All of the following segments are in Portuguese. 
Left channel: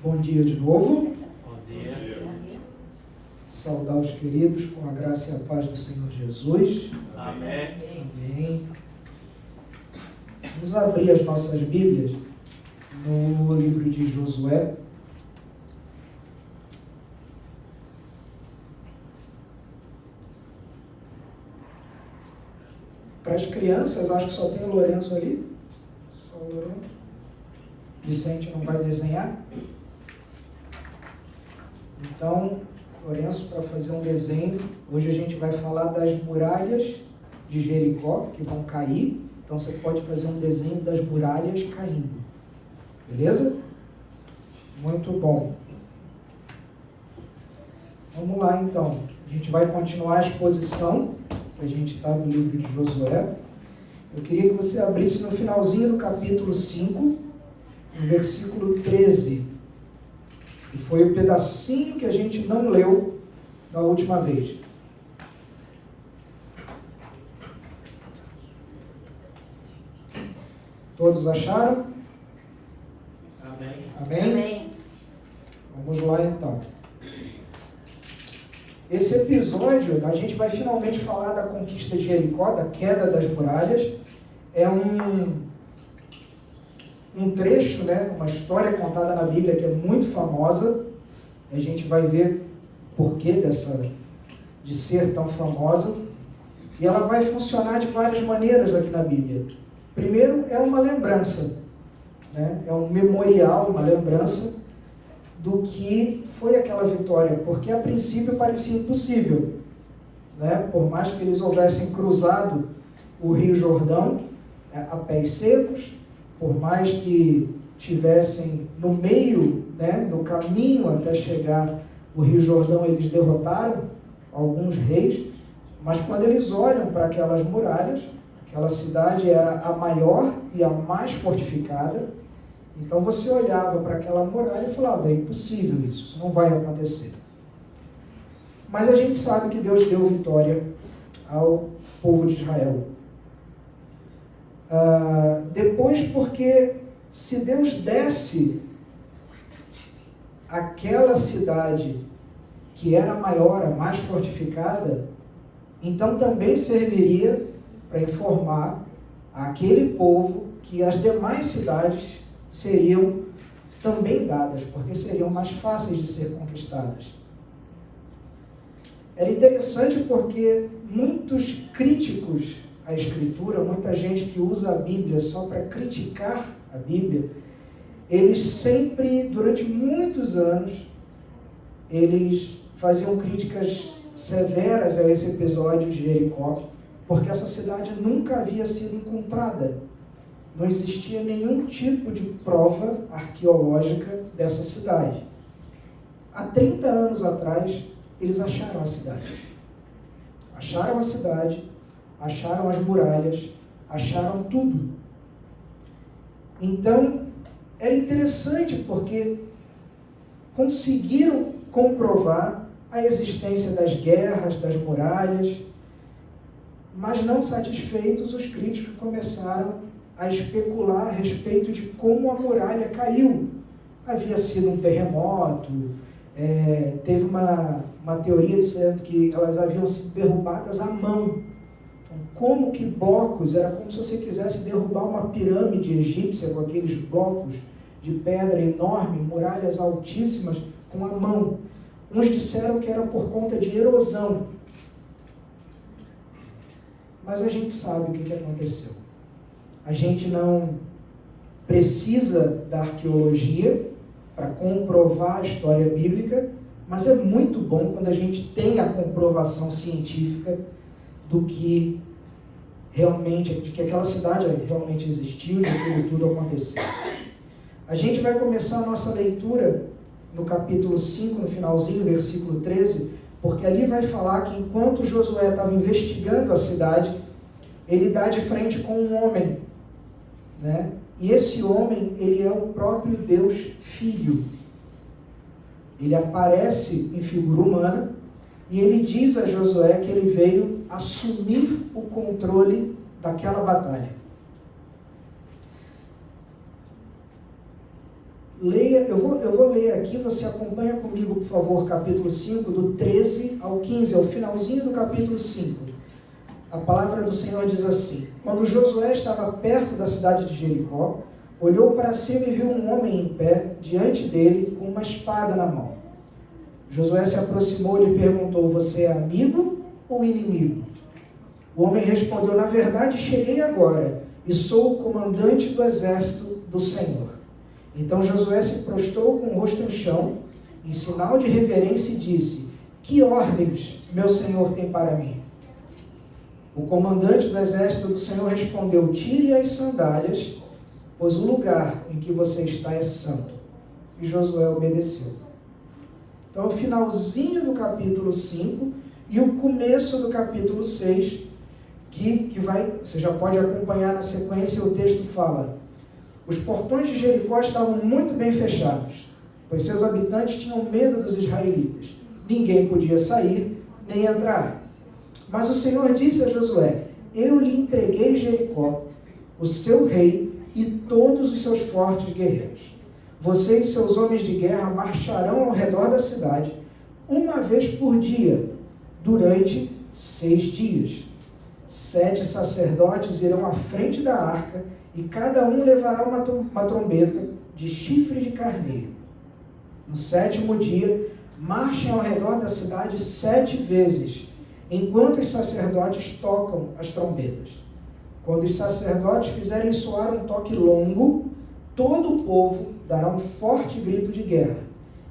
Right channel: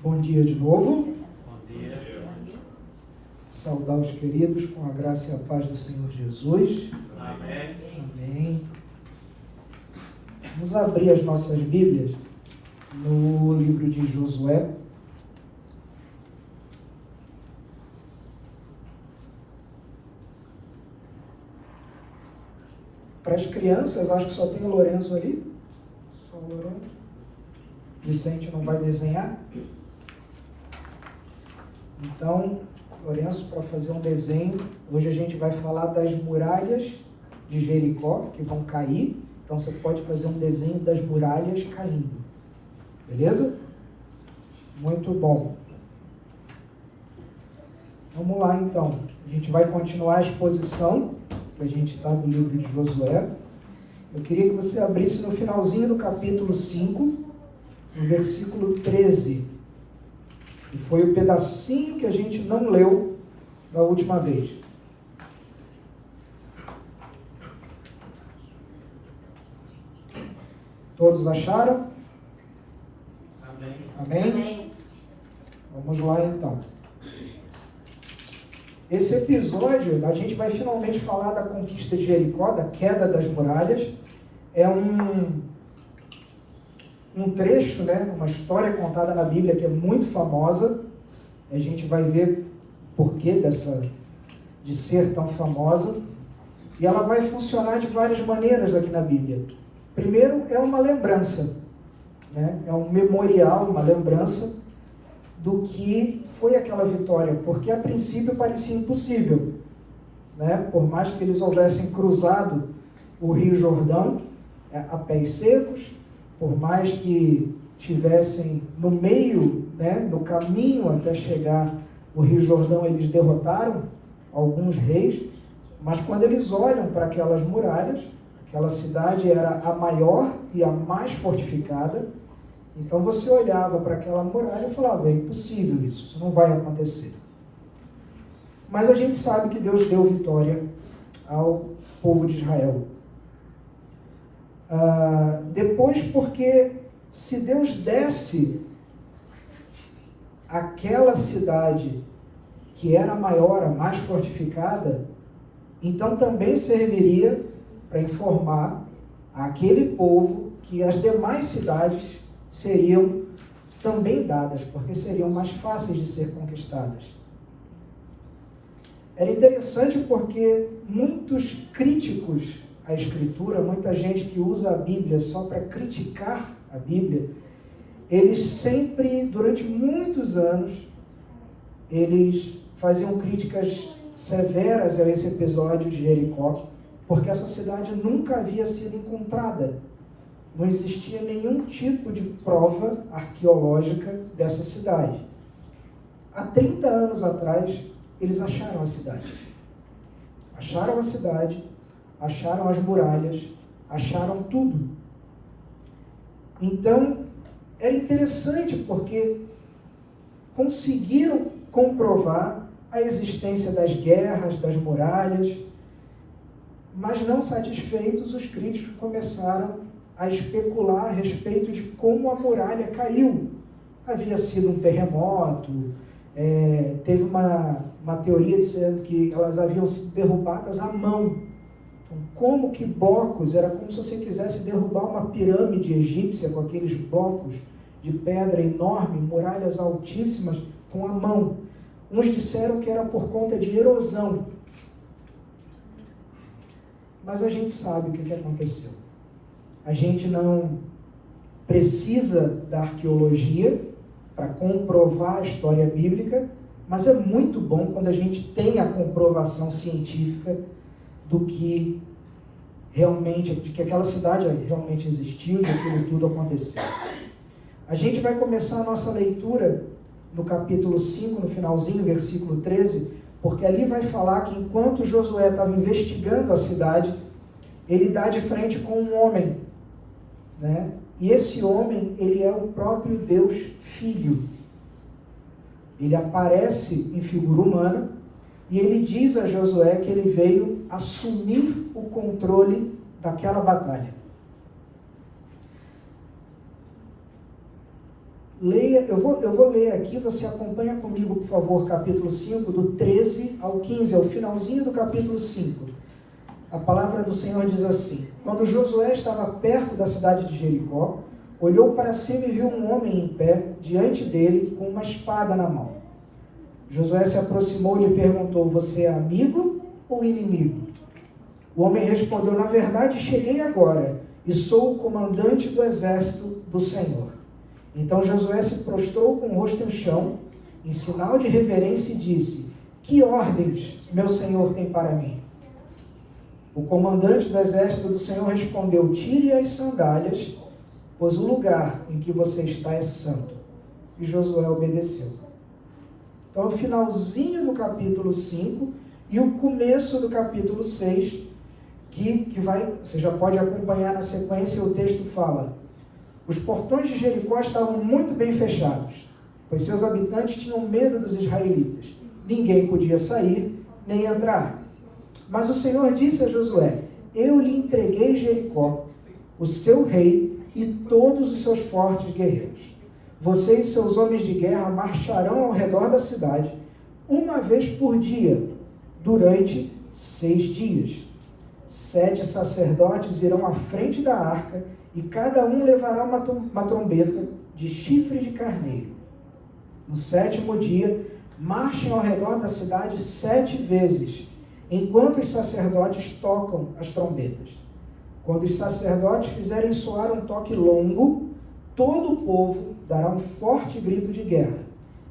Bom dia de novo. Bom dia. Saudar os queridos com a graça e a paz do Senhor Jesus. Amém. Amém. Vamos abrir as nossas Bíblias no livro de Josué. Para as crianças, acho que só tem o Lourenço ali. Só o Lourenço. Vicente não vai desenhar. Então, Lourenço, para fazer um desenho, hoje a gente vai falar das muralhas de Jericó, que vão cair. Então, você pode fazer um desenho das muralhas caindo. Beleza? Muito bom. Vamos lá, então. A gente vai continuar a exposição, que a gente está no livro de Josué. Eu queria que você abrisse no finalzinho do capítulo 5, no versículo 13. E foi o pedacinho que a gente não leu da última vez. Todos acharam? Amém. Amém? Amém. Vamos lá então. Esse episódio, a gente vai finalmente falar da conquista de Jericó, da queda das muralhas. É um trecho, né, uma história contada na Bíblia que é muito famosa. A gente vai ver por que de ser tão famosa. E ela vai funcionar de várias maneiras aqui na Bíblia. Primeiro, é uma lembrança, né? É um memorial, uma lembrança do que foi aquela vitória, porque a princípio parecia impossível, né? Por mais que eles houvessem cruzado o Rio Jordão a pés secos, por mais que tivessem no meio, né, no caminho até chegar no Rio Jordão, eles derrotaram alguns reis, mas quando eles olham para aquelas muralhas, aquela cidade era a maior e a mais fortificada. Então você olhava para aquela muralha e falava, é impossível isso não vai acontecer. Mas a gente sabe que Deus deu vitória ao povo de Israel. Depois, porque se Deus desse aquela cidade que era a maior, a mais fortificada, então também serviria para informar aquele povo que as demais cidades seriam também dadas, porque seriam mais fáceis de ser conquistadas. Era interessante porque muitos críticos à Escritura, muita gente que usa a Bíblia só para criticar a Bíblia, eles sempre, durante muitos anos, eles faziam críticas severas a esse episódio de Jericó, porque essa cidade nunca havia sido encontrada. Não existia nenhum tipo de prova arqueológica dessa cidade. Há 30 anos atrás, eles acharam a cidade. Acharam a cidade, acharam as muralhas, acharam tudo. Então, era interessante porque conseguiram comprovar a existência das guerras, das muralhas, mas não satisfeitos, os críticos começaram a especular a respeito de como a muralha caiu. Havia sido um terremoto, teve uma teoria dizendo que elas haviam sido derrubadas à mão. Então, como que blocos, era como se você quisesse derrubar uma pirâmide egípcia com aqueles blocos de pedra enorme, muralhas altíssimas, com a mão. Uns disseram que era por conta de erosão. Mas a gente sabe o que aconteceu. A gente não precisa da arqueologia para comprovar a história bíblica, mas é muito bom quando a gente tem a comprovação científica do que realmente, de que aquela cidade realmente existiu, de que aquilo tudo aconteceu. A gente vai começar a nossa leitura no capítulo 5, no finalzinho, versículo 13, porque ali vai falar que enquanto Josué estava investigando a cidade, ele dá de frente com um homem, né? E esse homem, ele é o próprio Deus Filho. Ele aparece em figura humana e ele diz a Josué que ele veio assumir o controle daquela batalha. leia, eu vou ler aqui, você acompanha comigo, por favor, capítulo 5, do 13 ao 15, é o finalzinho do capítulo 5. A palavra do Senhor diz assim: quando Josué estava perto da cidade de Jericó, olhou para cima e viu um homem em pé diante dele com uma espada na mão. Josué se aproximou e lhe perguntou: você é amigo ou inimigo? O homem respondeu: na verdade cheguei agora e sou o comandante do exército do Senhor. Então Josué se prostrou com o rosto no chão, em sinal de reverência, e disse: que ordens meu senhor tem para mim? O comandante do exército do Senhor respondeu: tire as sandálias, pois o lugar em que você está é santo. E Josué obedeceu. Então, o finalzinho do capítulo 5 e o começo do capítulo 6, que você já pode acompanhar na sequência, o texto fala: os portões de Jericó estavam muito bem fechados, pois seus habitantes tinham medo dos israelitas. Ninguém podia sair nem entrar. Mas o Senhor disse a Josué: eu lhe entreguei Jericó, o seu rei e todos os seus fortes guerreiros. Você e seus homens de guerra marcharão ao redor da cidade uma vez por dia, durante 6 dias. 7 sacerdotes irão à frente da arca e cada um levará uma trombeta de chifre de carneiro. No 7º dia, marchem ao redor da cidade 7 vezes, enquanto os sacerdotes tocam as trombetas. Quando os sacerdotes fizerem soar um toque longo, todo o povo dará um forte grito de guerra.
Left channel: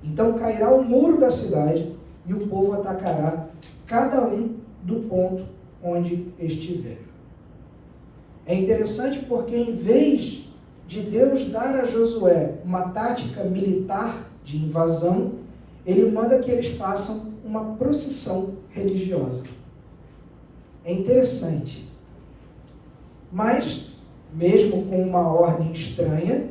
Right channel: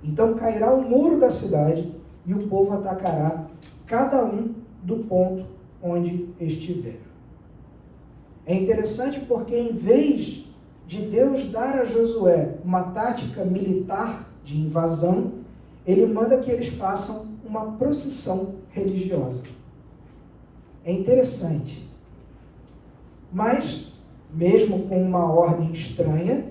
Então cairá o muro da cidade e o povo atacará cada um do ponto onde estiver. É interessante porque, em vez de Deus dar a Josué uma tática militar de invasão, ele manda que eles façam uma procissão religiosa. É interessante. Mas, mesmo com uma ordem estranha,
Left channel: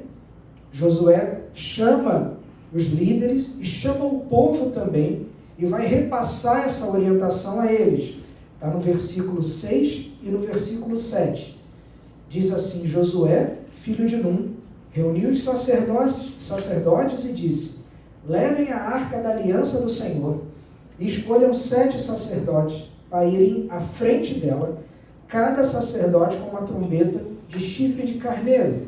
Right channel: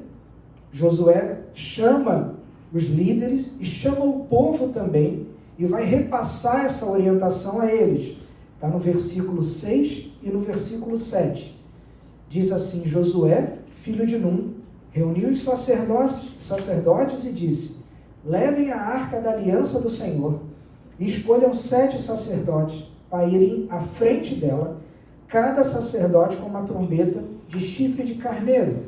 Josué chama os líderes e chama o povo também e vai repassar essa orientação a eles. Está no versículo 6 e no versículo 7. Diz assim: Josué, filho de Num, reuniu os sacerdotes e disse: levem a arca da aliança do Senhor e escolham 7 sacerdotes para irem à frente dela, cada sacerdote com uma trombeta de chifre de carneiro.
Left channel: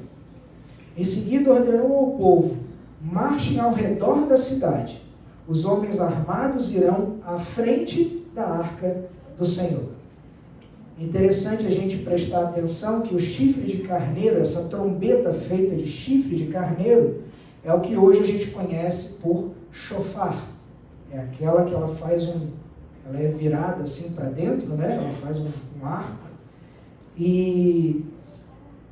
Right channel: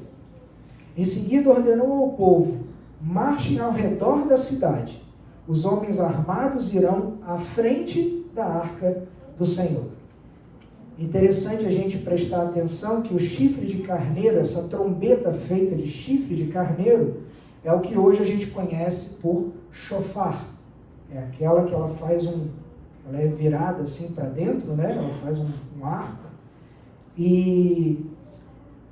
Em seguida ordenou ao povo: marchem ao redor da cidade. Os homens armados irão à frente da arca do Senhor. Interessante a gente prestar atenção que o chifre de carneiro, essa trombeta feita de chifre de carneiro, é o que hoje a gente conhece por shofar. É aquela que ela é virada assim para dentro, né? Ela faz um arco. E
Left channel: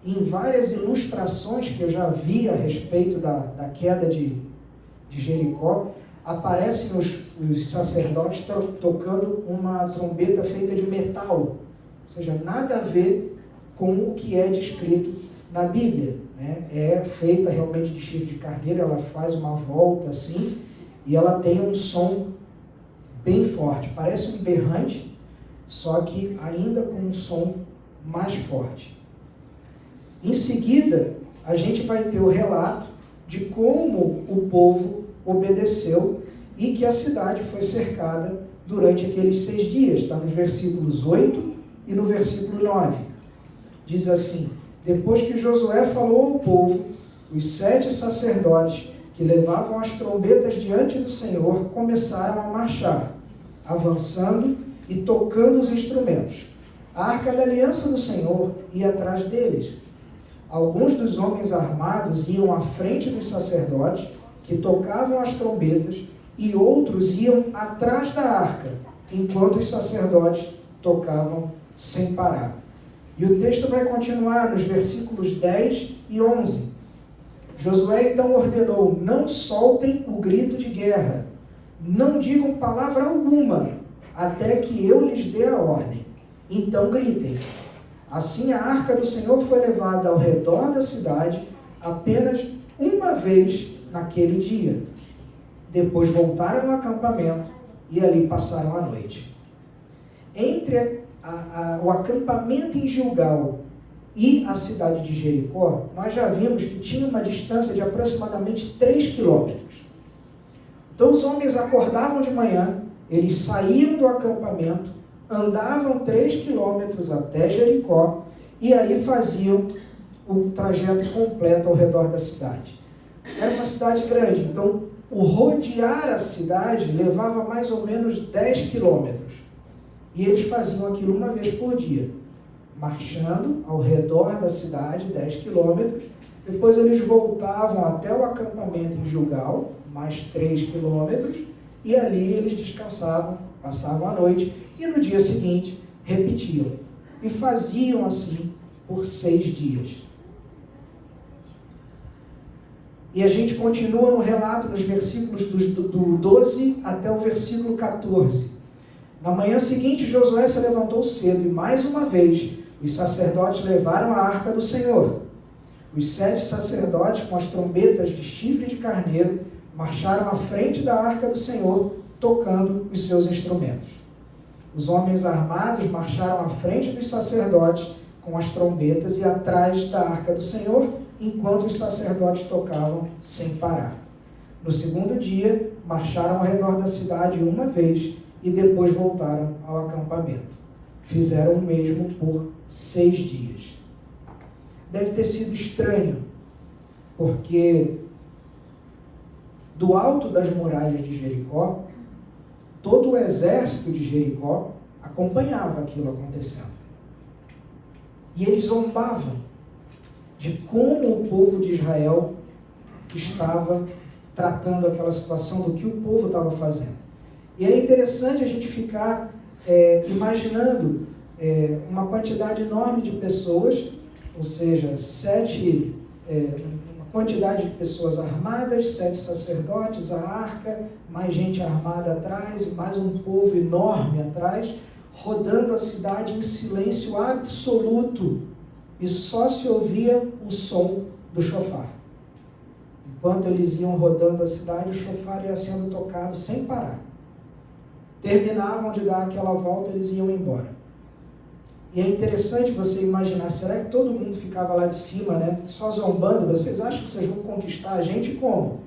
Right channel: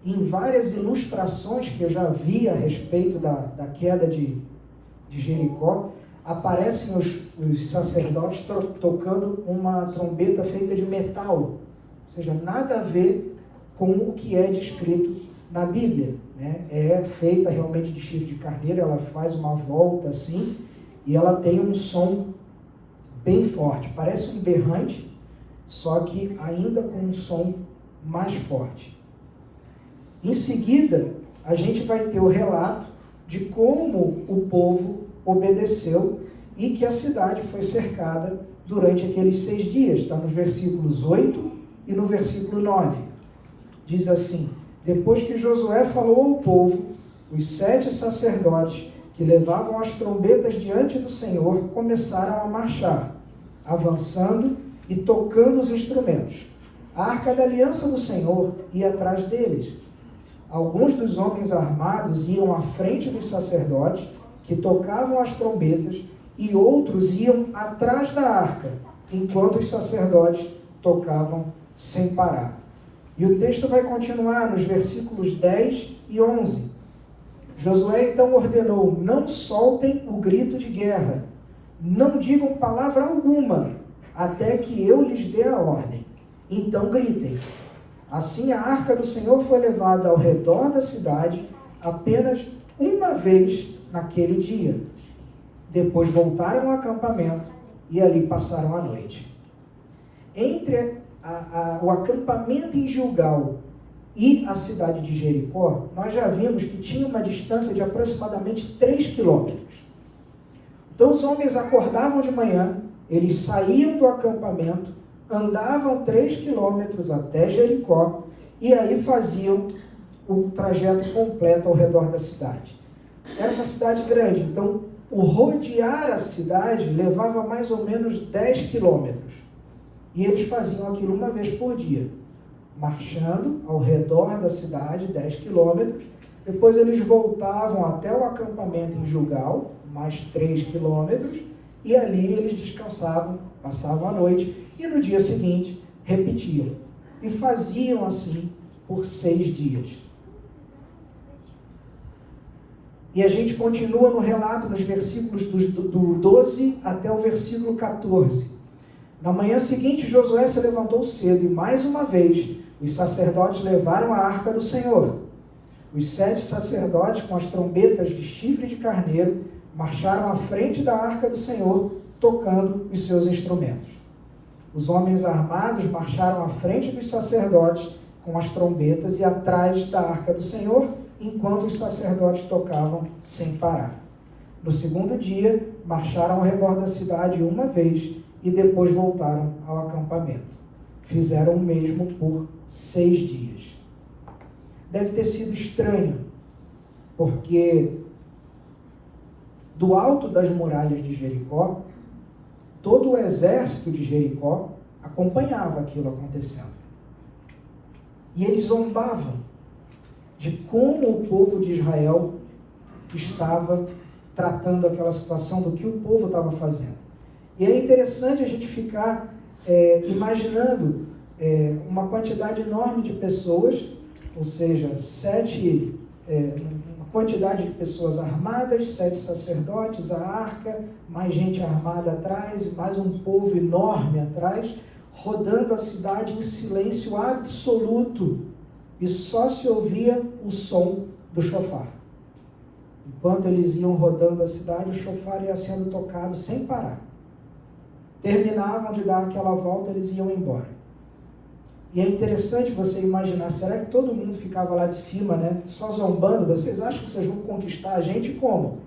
em várias ilustrações que eu já vi a respeito da queda de Jericó, aparecem os sacerdotes tocando uma trombeta feita de metal, ou seja, nada a ver com o que é descrito na Bíblia, né? É feita realmente de chifre de carneiro, ela faz uma volta assim, e ela tem um som bem forte, parece um berrante, só que ainda com um som mais forte. Em seguida, a gente vai ter o relato de como o povo obedeceu e que a cidade foi cercada durante aqueles 6 dias. Está nos versículos 8 e no versículo 9. Diz assim: depois que Josué falou ao povo, os 7 sacerdotes que levavam as trombetas diante do Senhor começaram a marchar, avançando e tocando os instrumentos. A arca da aliança do Senhor ia atrás deles. Alguns dos homens armados iam à frente dos sacerdotes, que tocavam as trombetas, e outros iam atrás da arca, enquanto os sacerdotes tocavam sem parar. E o texto vai continuar nos versículos 10 e 11. Josué então ordenou: não soltem o grito de guerra, não digam palavra alguma, até que eu lhes dê a ordem. Então gritem. Assim a arca do Senhor foi levada ao redor da cidade apenas uma vez naquele dia. Depois voltaram ao acampamento e ali passaram a noite. Entre o acampamento em Gilgal e a cidade de Jericó, nós já vimos que tinha uma distância de aproximadamente 3 quilômetros. Então os homens acordavam de manhã, eles saíam do acampamento, andavam 3 quilômetros até Jericó e aí faziam o trajeto completo ao redor da cidade. Era uma cidade grande, então o rodear a cidade levava mais ou menos 10 quilômetros. E eles faziam aquilo uma vez por dia, marchando ao redor da cidade 10 quilômetros. Depois eles voltavam até o acampamento em Gilgal, mais 3 quilômetros, e ali eles descansavam, passavam a noite, e no dia seguinte repetiam. E faziam assim por 6 dias. E a gente continua no relato, nos versículos do 12 até o versículo 14. Na manhã seguinte, Josué se levantou cedo e, mais uma vez, os sacerdotes levaram a arca do Senhor. Os 7 sacerdotes, com as trombetas de chifre de carneiro, marcharam à frente da arca do Senhor, tocando os seus instrumentos. Os homens armados marcharam à frente dos sacerdotes, com as trombetas, e atrás da arca do Senhor, enquanto os sacerdotes tocavam sem parar. No segundo dia, marcharam ao redor da cidade uma vez e depois voltaram ao acampamento. Fizeram o mesmo por 6 dias. Deve ter sido estranho, porque do alto das muralhas de Jericó, todo o exército de Jericó acompanhava aquilo acontecendo. E eles zombavam de como o povo de Israel estava tratando aquela situação, do que o povo estava fazendo. E é interessante a gente ficar imaginando uma quantidade enorme de pessoas, ou seja, uma quantidade de pessoas armadas, 7 sacerdotes, a arca, mais gente armada atrás, mais um povo enorme atrás, rodando a cidade em silêncio absoluto. E só se ouvia o som do chofar. Enquanto eles iam rodando a cidade, o chofar ia sendo tocado sem parar. Terminavam de dar aquela volta, eles iam embora. E é interessante você imaginar, será que todo mundo ficava lá de cima, né, só zombando? Vocês acham que vocês vão conquistar a gente como?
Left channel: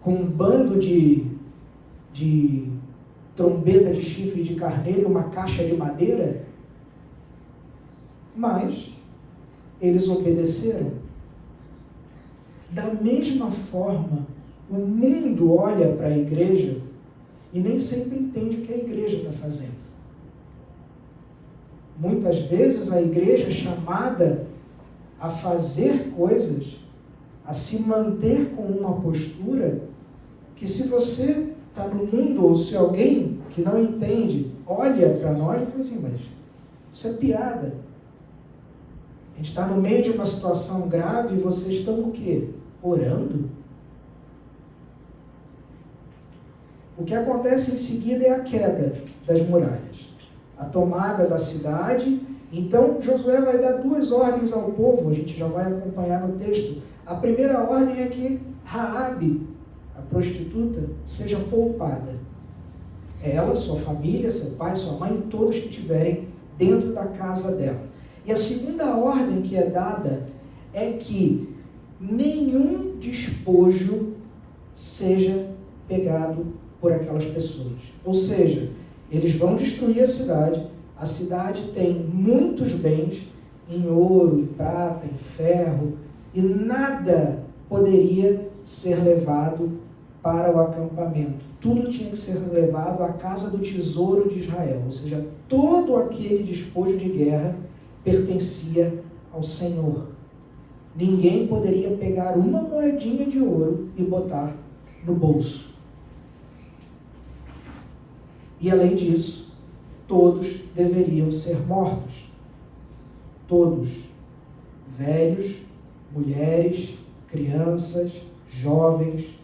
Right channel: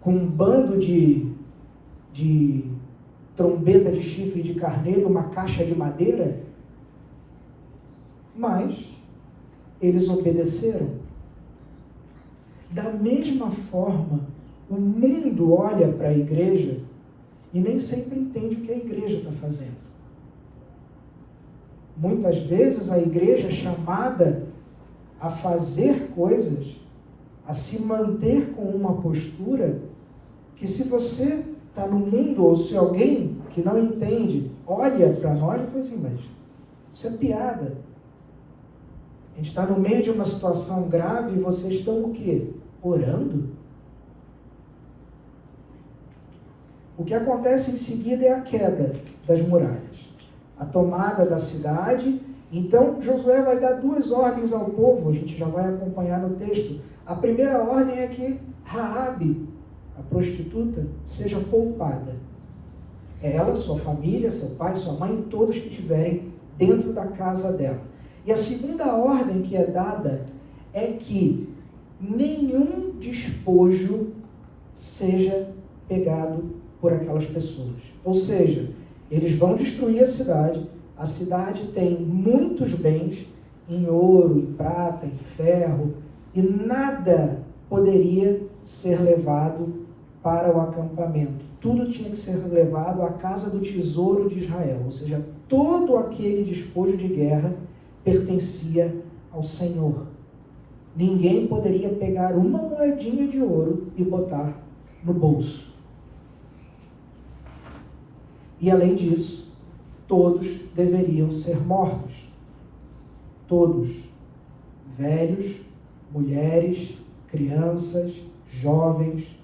Com um bando de trombeta de chifre de carneiro e uma caixa de madeira? Mas eles obedeceram. Da mesma forma, o mundo olha para a igreja e nem sempre entende o que a igreja está fazendo. Muitas vezes a igreja é chamada a fazer coisas, a se manter com uma postura que, se você está no mundo, ou se alguém que não entende olha para nós e fala assim, mas isso é piada. A gente está no meio de uma situação grave e vocês estão o quê? Orando? O que acontece em seguida é a queda das muralhas, a tomada da cidade. Então Josué vai dar 2 ordens ao povo, a gente já vai acompanhar no texto. A primeira ordem é que Raabe, a prostituta, seja poupada. Ela, sua família, seu pai, sua mãe, todos que estiverem dentro da casa dela. E a segunda ordem que é dada é que nenhum despojo seja pegado por aquelas pessoas. Ou seja, eles vão destruir a cidade tem muitos bens em ouro, em prata, em ferro, e nada poderia ser levado para o acampamento. Tudo tinha que ser levado à casa do tesouro de Israel, ou seja, todo aquele despojo de guerra pertencia ao Senhor. Ninguém poderia pegar uma moedinha de ouro e botar no bolso. E além disso, todos deveriam ser mortos. Todos. Velhos, mulheres, crianças, jovens,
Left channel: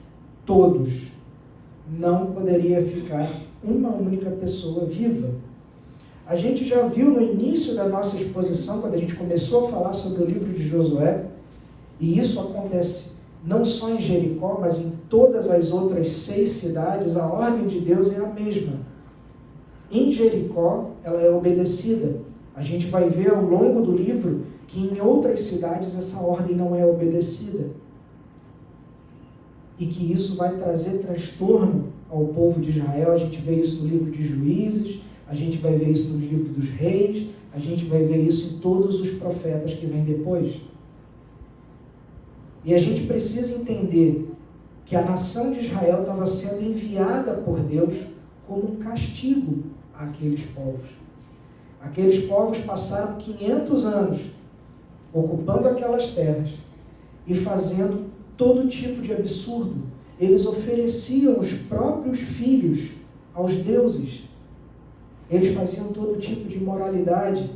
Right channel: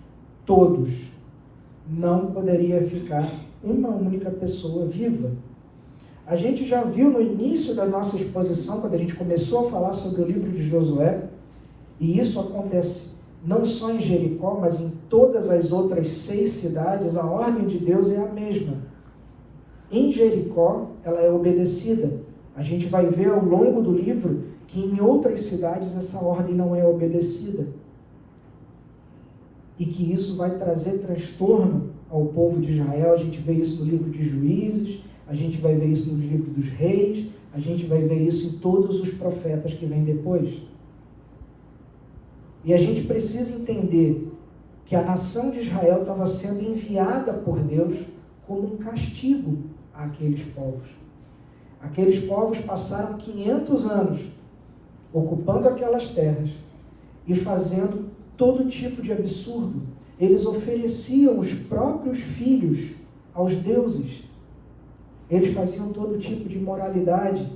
todos. Não poderia ficar uma única pessoa viva. A gente já viu no início da nossa exposição, quando a gente começou a falar sobre o livro de Josué, e isso acontece não só em Jericó, mas em todas as outras 6 cidades, a ordem de Deus é a mesma. Em Jericó, ela é obedecida. A gente vai ver ao longo do livro que em outras cidades essa ordem não é obedecida. E que isso vai trazer transtorno ao povo de Israel. A gente vê isso no livro de Juízes, a gente vai ver isso no livro dos Reis, a gente vai ver isso em todos os profetas que vêm depois. E a gente precisa entender que a nação de Israel estava sendo enviada por Deus como um castigo àqueles povos. Aqueles povos passaram 500 anos ocupando aquelas terras e fazendo todo tipo de absurdo. Eles ofereciam os próprios filhos aos deuses. Eles faziam todo tipo de imoralidade.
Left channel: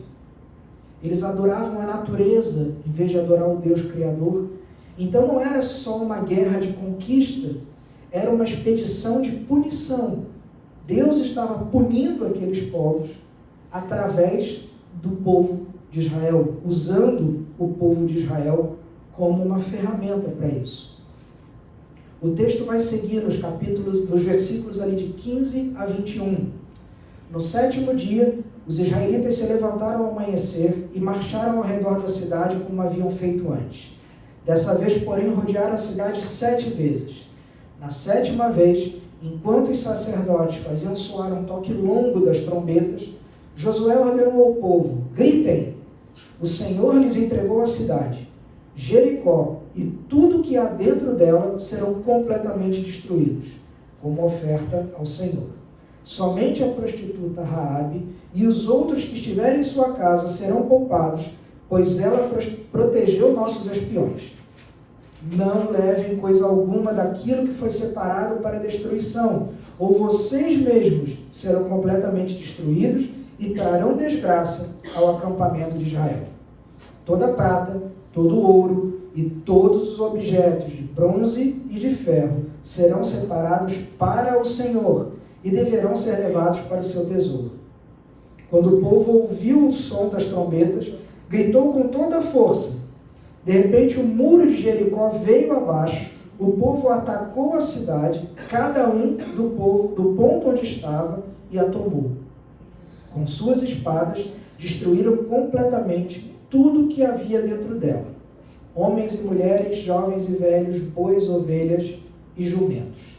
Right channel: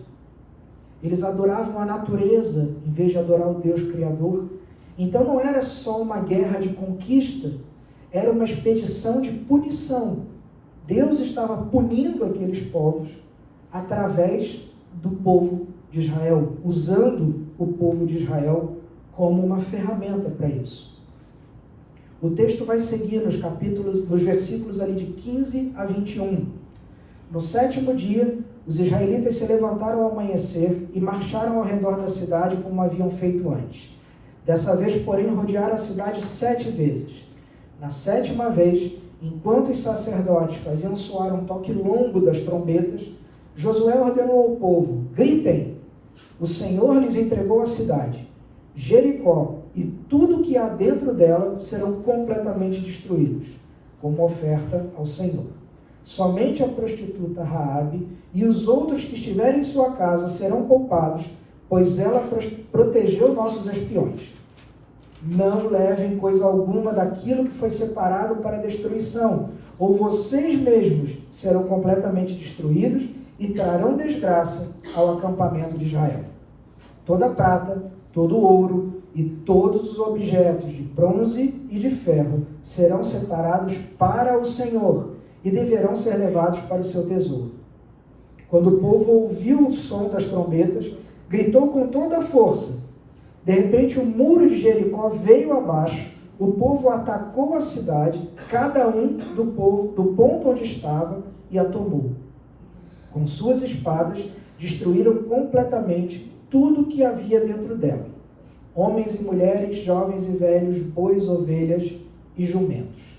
Eles adoravam a natureza em vez de adorar o Deus Criador. Então não era só uma guerra de conquista, era uma expedição de punição. Deus estava punindo aqueles povos através do povo de Israel, usando o povo de Israel como uma ferramenta para isso. O texto vai seguir nos versículos ali de 15 a 21. No 7º dia, os israelitas se levantaram ao amanhecer e marcharam ao redor da cidade como haviam feito antes. Dessa vez, porém, rodearam a cidade 7 vezes. Na 7ª vez, enquanto os sacerdotes faziam soar um toque longo das trombetas, Josué ordenou ao povo: gritem! O Senhor lhes entregou a cidade. Jericó e tudo que há dentro dela serão completamente destruídos, como oferta ao Senhor. Somente a prostituta Raabe e os outros que estiverem em sua casa serão poupados, pois ela protegeu nossos espiões. Não levem coisa alguma daquilo que foi separado para destruição, ou vocês mesmos serão completamente destruídos e trarão desgraça ao acampamento de Israel. Toda prata, todo ouro e todos os objetos de bronze e de ferro serão separados para o Senhor e deverão ser levados para o seu tesouro. Quando o povo ouviu o som das trombetas, gritou com toda a força. De repente, o muro de Jericó veio abaixo, o povo atacou a cidade, cada um do ponto onde estava, e a tomou. Com suas espadas, destruíram completamente tudo que havia dentro dela: homens e mulheres, jovens e velhos, bois, ovelhas e jumentos.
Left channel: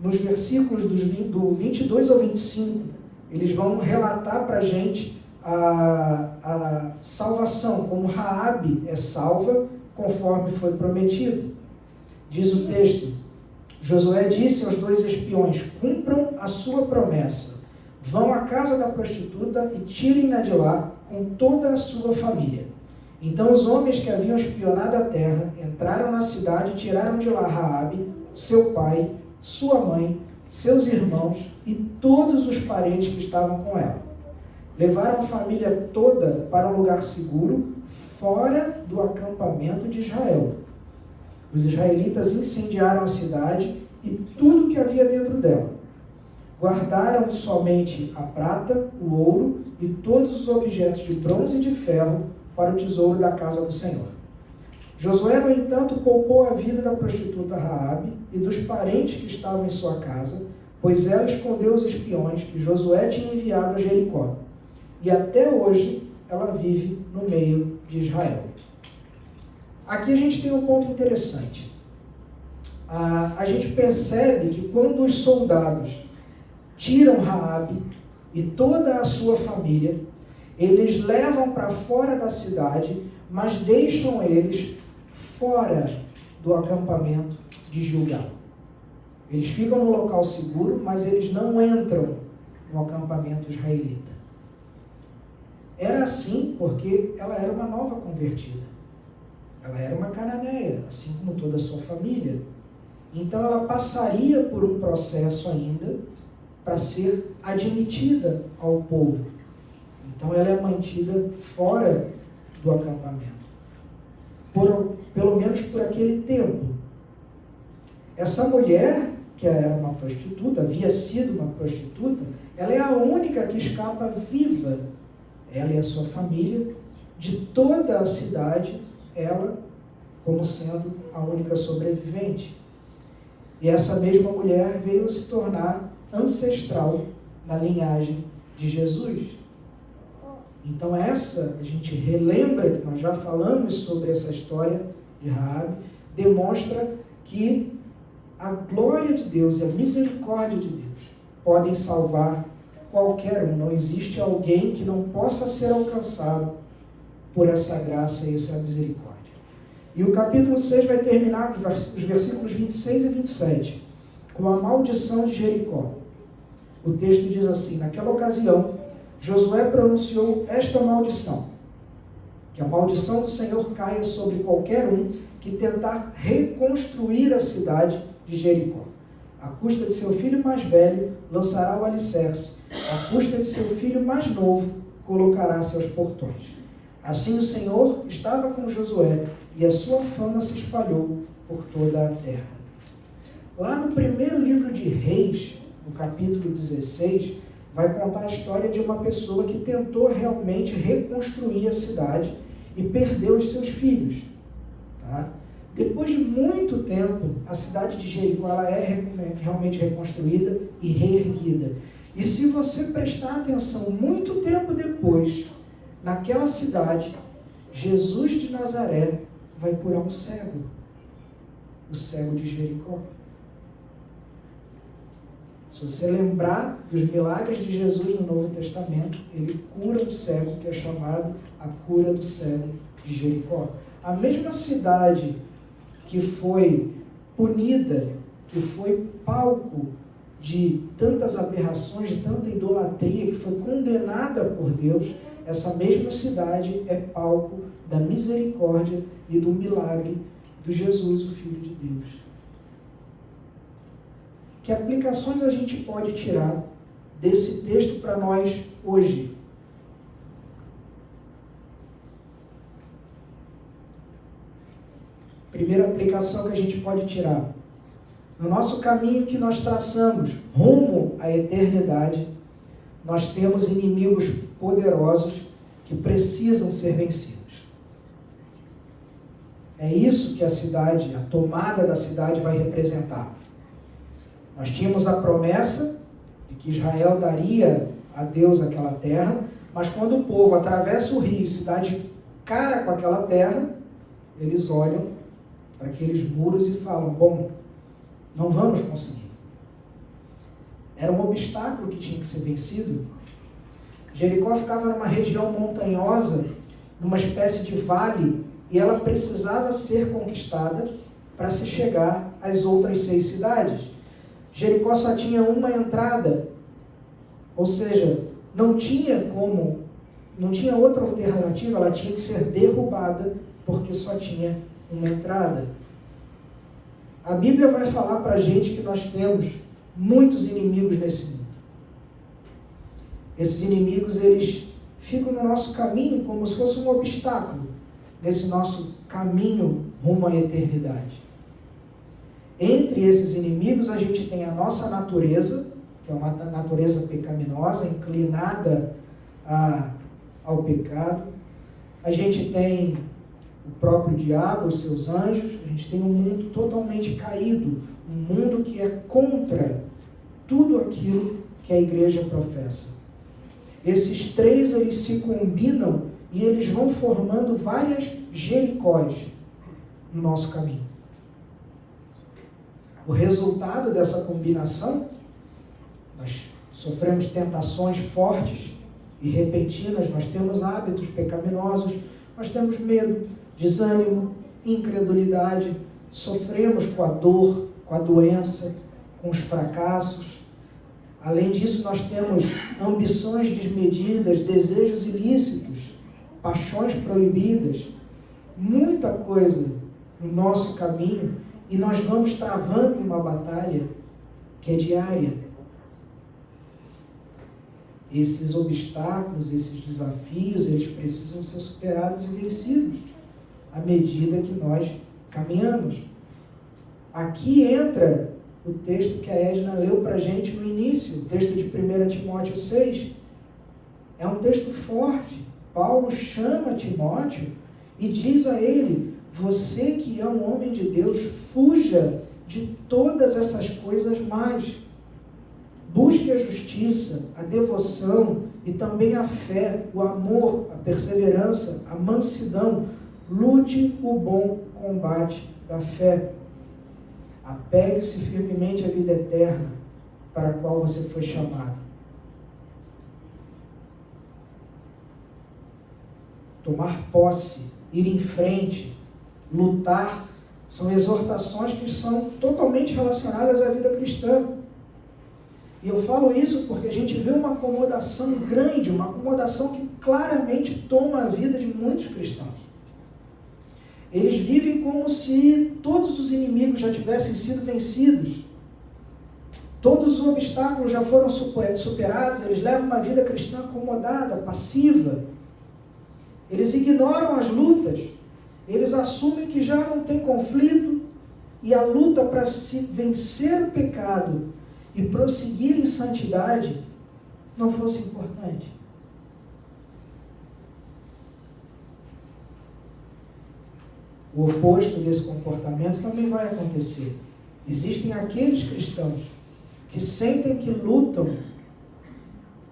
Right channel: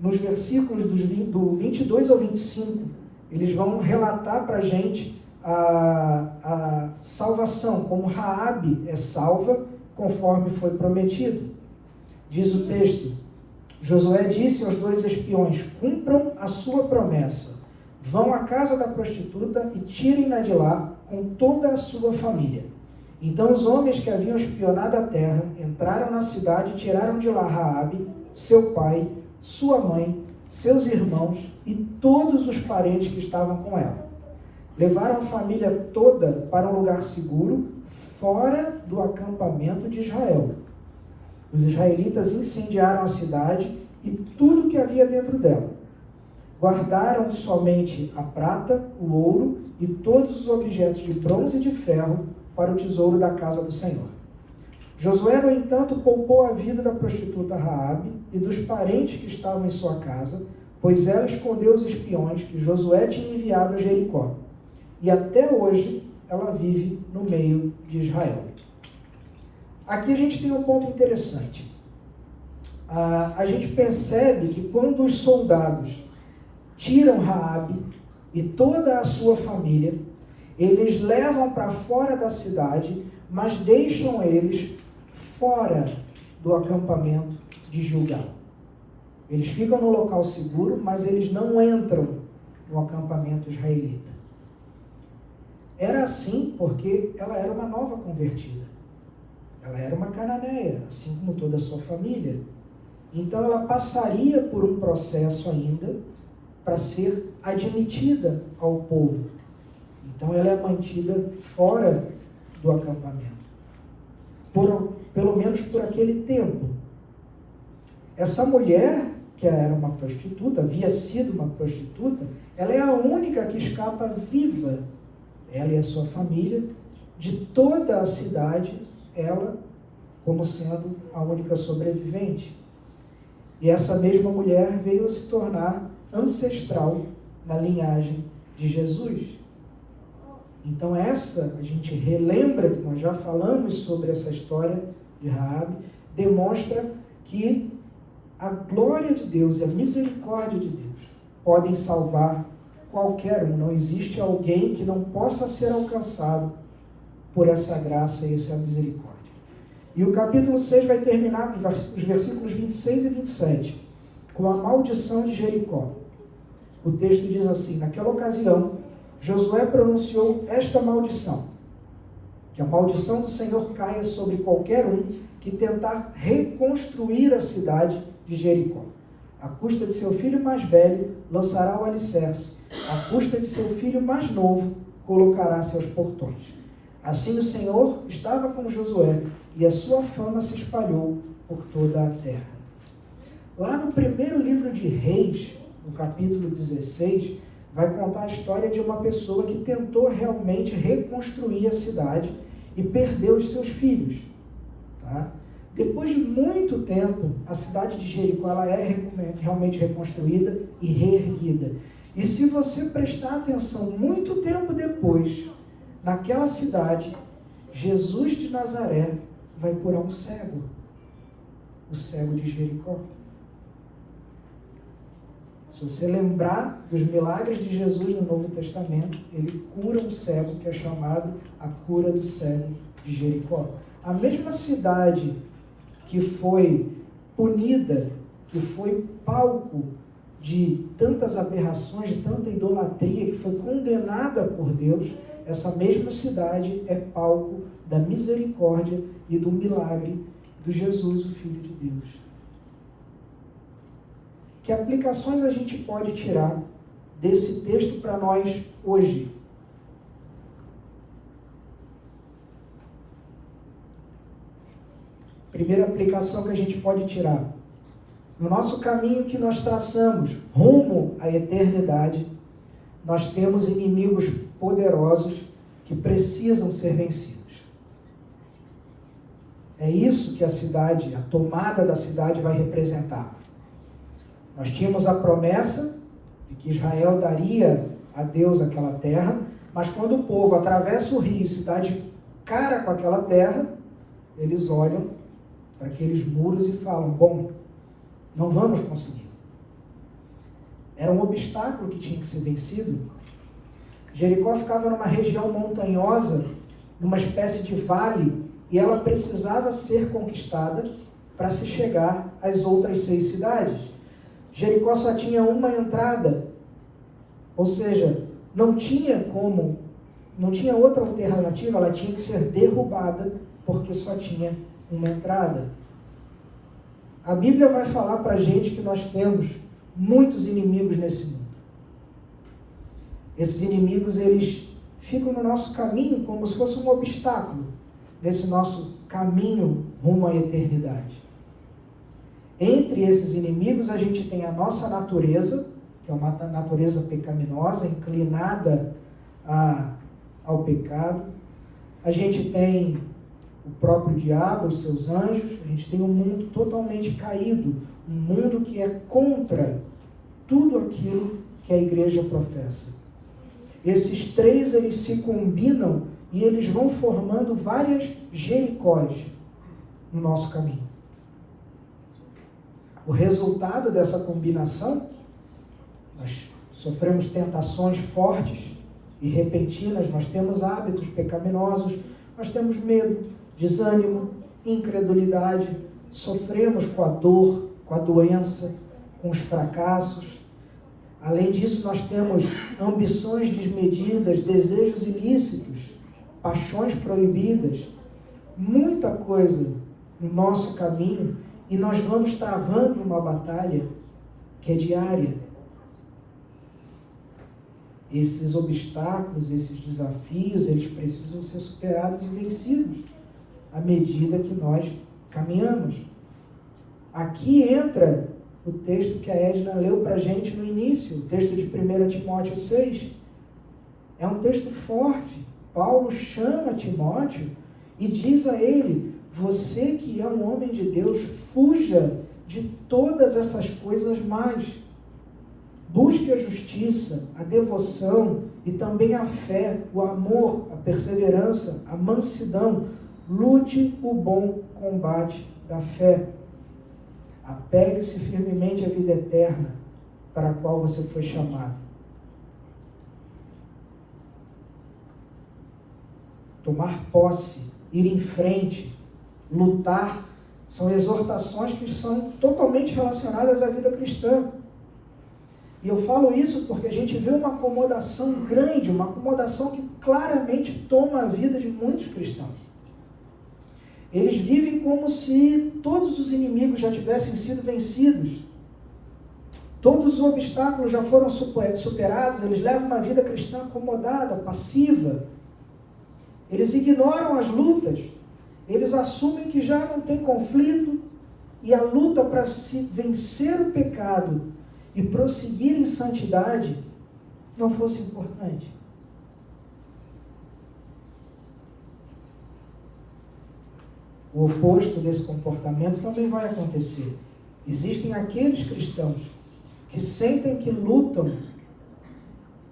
Nos versículos do 22 ao 25, eles vão relatar para a gente a salvação, como Raabe é salva, conforme foi prometido. Diz o texto: Josué disse aos 2 espiões: cumpram a sua promessa, vão à casa da prostituta e tirem-na de lá com toda a sua família. Então os homens que haviam espionado a terra entraram na cidade e tiraram de lá Raabe, seu pai, sua mãe, seus irmãos e todos os parentes que estavam com ela. Levaram a família toda para um lugar seguro, fora do acampamento de Israel. Os israelitas incendiaram a cidade e tudo que havia dentro dela. Guardaram somente a prata, o ouro e todos os objetos de bronze e de ferro para o tesouro da casa do Senhor. Josué, no entanto, poupou a vida da prostituta Raabe e dos parentes que estavam em sua casa, pois ela escondeu os espiões que Josué tinha enviado a Jericó. E até hoje ela vive no meio de Israel. Aqui a gente tem um ponto interessante. A gente percebe que quando os soldados tiram Raabe e toda a sua família, eles levam para fora da cidade, mas deixam eles fora do acampamento de Gilgal. Eles ficam no local seguro, mas eles não entram no acampamento israelita. Era assim porque ela era uma nova convertida. Ela era uma cananeia, assim como toda a sua família. Então ela passaria por um processo ainda para ser admitida ao povo. Então ela é mantida fora do acampamento. Pelo menos por aquele tempo. Essa mulher, que era uma prostituta, havia sido uma prostituta, ela é a única que escapa viva, ela e a sua família, de toda a cidade, ela como sendo a única sobrevivente. E essa mesma mulher veio a se tornar ancestral na linhagem de Jesus. Então a gente relembra que nós já falamos sobre essa história de Raabe, demonstra que a glória de Deus e a misericórdia de Deus podem salvar qualquer um. Não existe alguém que não possa ser alcançado por essa graça e essa misericórdia. E o capítulo 6 vai terminar os versículos 26 e 27, com a maldição de Jericó. O texto diz assim: naquela ocasião, Josué pronunciou esta maldição: que a maldição do Senhor caia sobre qualquer um que tentar reconstruir a cidade de Jericó. À custa de seu filho mais velho, lançará o alicerce. À custa de seu filho mais novo, colocará seus portões. Assim o Senhor estava com Josué, e a sua fama se espalhou por toda a terra. Lá no primeiro livro de Reis, no capítulo 16, vai contar a história de uma pessoa que tentou realmente reconstruir a cidade e perdeu os seus filhos. Tá? Depois de muito tempo, a cidade de Jericó ela é realmente reconstruída e reerguida. E se você prestar atenção, muito tempo depois, naquela cidade, Jesus de Nazaré vai curar um cego, o cego de Jericó. Se você lembrar dos milagres de Jesus no Novo Testamento, ele cura um cego, que é chamado a cura do cego de Jericó. A mesma cidade que foi punida, que foi palco de tantas aberrações, de tanta idolatria, que foi condenada por Deus, essa mesma cidade é palco da misericórdia e do milagre do Jesus, o Filho de Deus. Que aplicações a gente pode tirar desse texto para nós hoje? Primeira aplicação que a gente pode tirar: no nosso caminho que nós traçamos rumo à eternidade, nós temos inimigos poderosos que precisam ser vencidos. É isso que a cidade, a tomada da cidade vai representar. Nós tínhamos a promessa de que Israel daria a Deus aquela terra, mas quando o povo atravessa o rio e se dá de cara com aquela terra, eles olham para aqueles muros e falam: bom, não vamos conseguir. Era um obstáculo que tinha que ser vencido. Jericó ficava numa região montanhosa, numa espécie de vale, e ela precisava ser conquistada para se chegar às outras 6 cidades. Jericó só tinha uma entrada, ou seja, não tinha outra alternativa, ela tinha que ser derrubada, porque só tinha uma entrada. A Bíblia vai falar para a gente que nós temos muitos inimigos nesse mundo. Esses inimigos, eles ficam no nosso caminho como se fosse um obstáculo nesse nosso caminho rumo à eternidade. Entre esses inimigos, a gente tem a nossa natureza, que é uma natureza pecaminosa, inclinada ao pecado. A gente tem o próprio diabo, os seus anjos. A gente tem um mundo totalmente caído, um mundo que é contra tudo aquilo que a igreja professa. Esses três, eles se combinam e eles vão formando várias Jericós no nosso caminho. O resultado dessa combinação, nós sofremos tentações fortes e repentinas, nós temos hábitos pecaminosos, nós temos medo, desânimo, incredulidade, sofremos com a dor, com a doença, com os fracassos. Além disso, nós temos ambições desmedidas, desejos ilícitos, paixões proibidas, muita coisa no nosso caminho, e nós vamos travando uma batalha que é diária. Esses obstáculos, esses desafios, eles precisam ser superados e vencidos à medida que nós caminhamos. Aqui entra o texto que a Edna leu para a gente no início, o texto de 1 Timóteo 6. É um texto forte. Paulo chama Timóteo e diz a ele: você que é um homem de Deus, fuja de todas essas coisas mais. Busque a justiça, a devoção, e também a fé, o amor, a perseverança, a mansidão. Lute o bom combate da fé. Apegue-se firmemente à vida eterna para a qual você foi chamado. Tomar posse, ir em frente, lutar, são exortações que são totalmente relacionadas à vida cristã. E eu falo isso porque a gente vê uma acomodação grande, uma acomodação que claramente toma a vida de muitos cristãos. Eles vivem como se todos os inimigos já tivessem sido vencidos. Todos os obstáculos já foram superados. Eles levam uma vida cristã acomodada, passiva. Eles ignoram as lutas. Eles assumem que já não tem conflito. E a luta para se vencer o pecado e prosseguir em santidade não fosse importante. O oposto desse comportamento também vai acontecer. Existem aqueles cristãos que sentem que lutam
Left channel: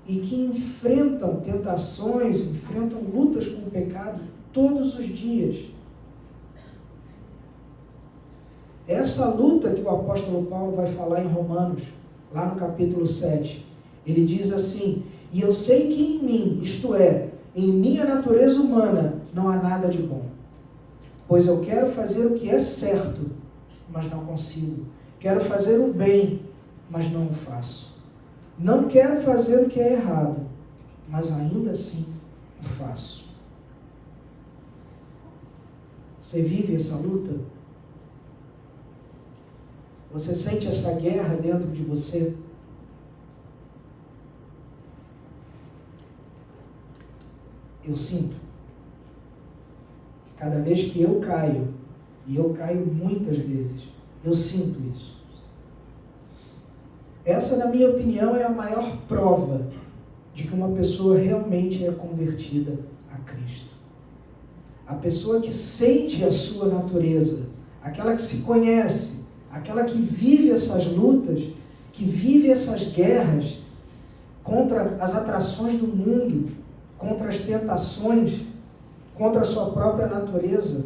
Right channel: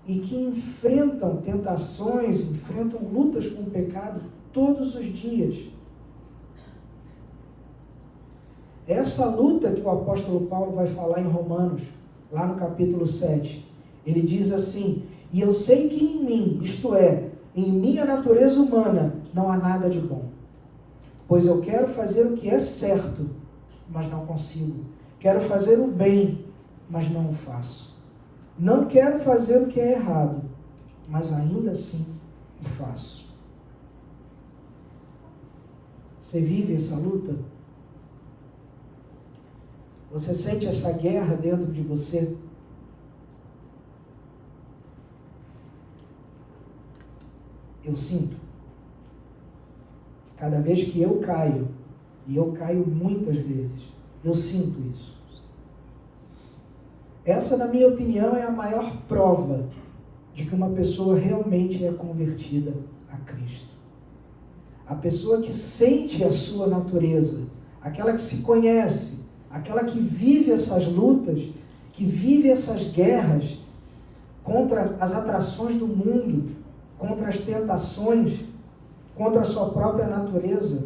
e que enfrentam tentações, enfrentam lutas com o pecado todos os dias. Essa luta que o apóstolo Paulo vai falar em Romanos, lá no capítulo 7, ele diz assim: e eu sei que em mim, isto é, em minha natureza humana, não há nada de bom. Pois eu quero fazer o que é certo, mas não consigo. Quero fazer o bem, mas não o faço. Não quero fazer o que é errado, mas ainda assim o faço. Você vive essa luta? Você sente essa guerra dentro de você? Eu sinto. Cada vez que eu caio, e eu caio muitas vezes, eu sinto isso. Essa, na minha opinião, é a maior prova de que uma pessoa realmente é convertida a Cristo. A pessoa que sente a sua natureza, aquela que se conhece, aquela que vive essas lutas, que vive essas guerras contra as atrações do mundo, contra as tentações, contra a sua própria natureza.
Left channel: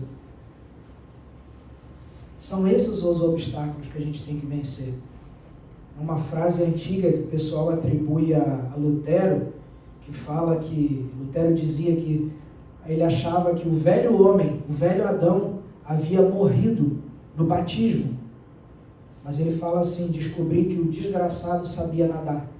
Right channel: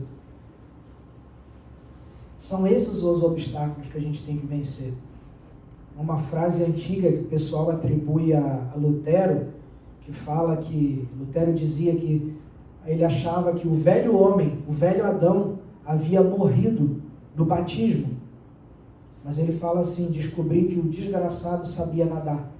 São esses os obstáculos que a gente tem que vencer. Uma frase antiga que o pessoal atribui a Lutero, que fala que Lutero dizia que ele achava que o velho homem, o velho Adão, havia morrido no batismo. Mas ele fala assim: descobri que o desgraçado sabia nadar.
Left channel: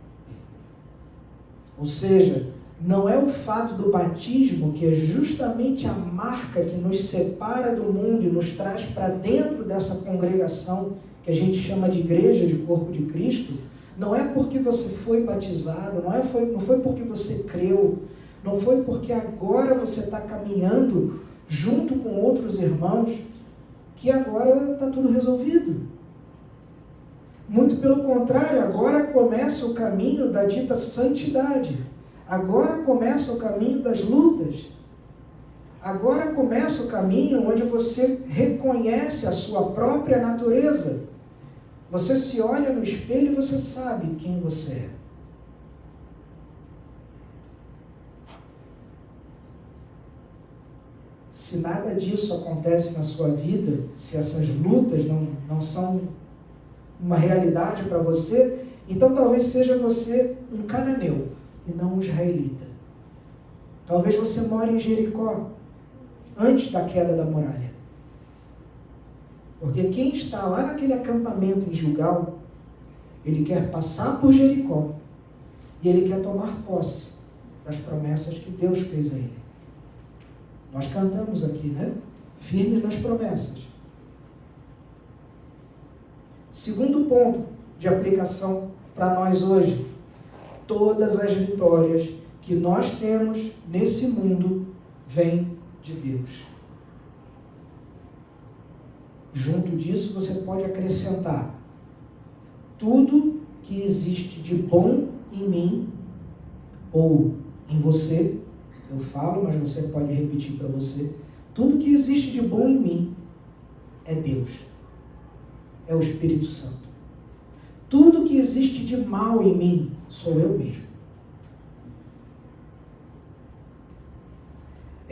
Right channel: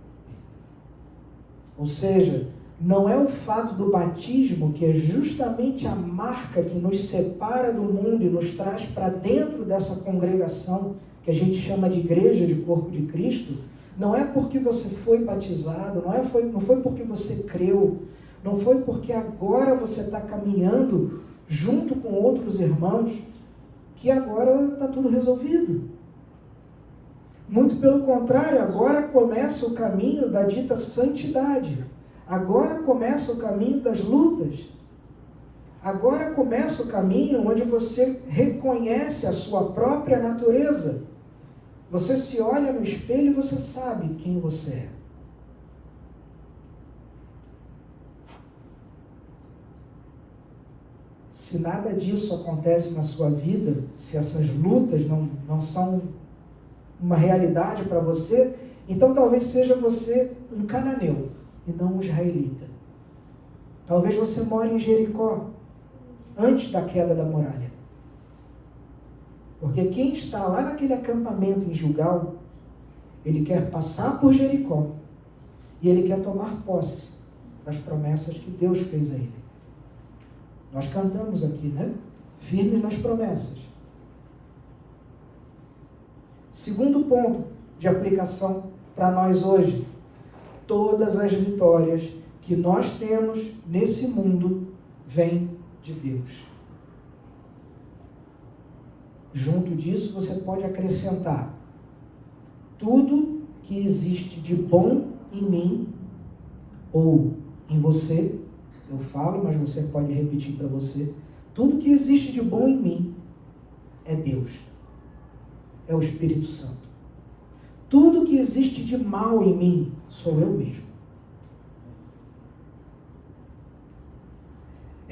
Ou seja, não é o fato do batismo, que é justamente a marca que nos separa do mundo e nos traz para dentro dessa congregação que a gente chama de igreja, de corpo de Cristo. Não é porque você foi batizado, não foi porque você creu, não foi porque agora você está caminhando junto com outros irmãos que agora está tudo resolvido. Muito pelo contrário, agora começa o caminho da dita santidade. Agora começa o caminho das lutas. Agora começa o caminho onde você reconhece a sua própria natureza. Você se olha no espelho e você sabe quem você é. Se nada disso acontece na sua vida, se essas lutas não são uma realidade para você, então talvez seja você um cananeu e não um israelita. Talvez você more em Jericó, antes da queda da muralha. Porque quem está lá naquele acampamento em Gilgal, ele quer passar por Jericó e ele quer tomar posse das promessas que Deus fez a ele. Nós cantamos aqui, né? Firme nas promessas. Segundo ponto de aplicação para nós hoje: todas as vitórias que nós temos nesse mundo vêm de Deus. Junto disso, você pode acrescentar: tudo que existe de bom em mim ou em você, eu falo, mas você pode repetir para você, tudo que existe de bom em mim é Deus, é o Espírito Santo. Tudo que existe de mal em mim sou eu mesmo.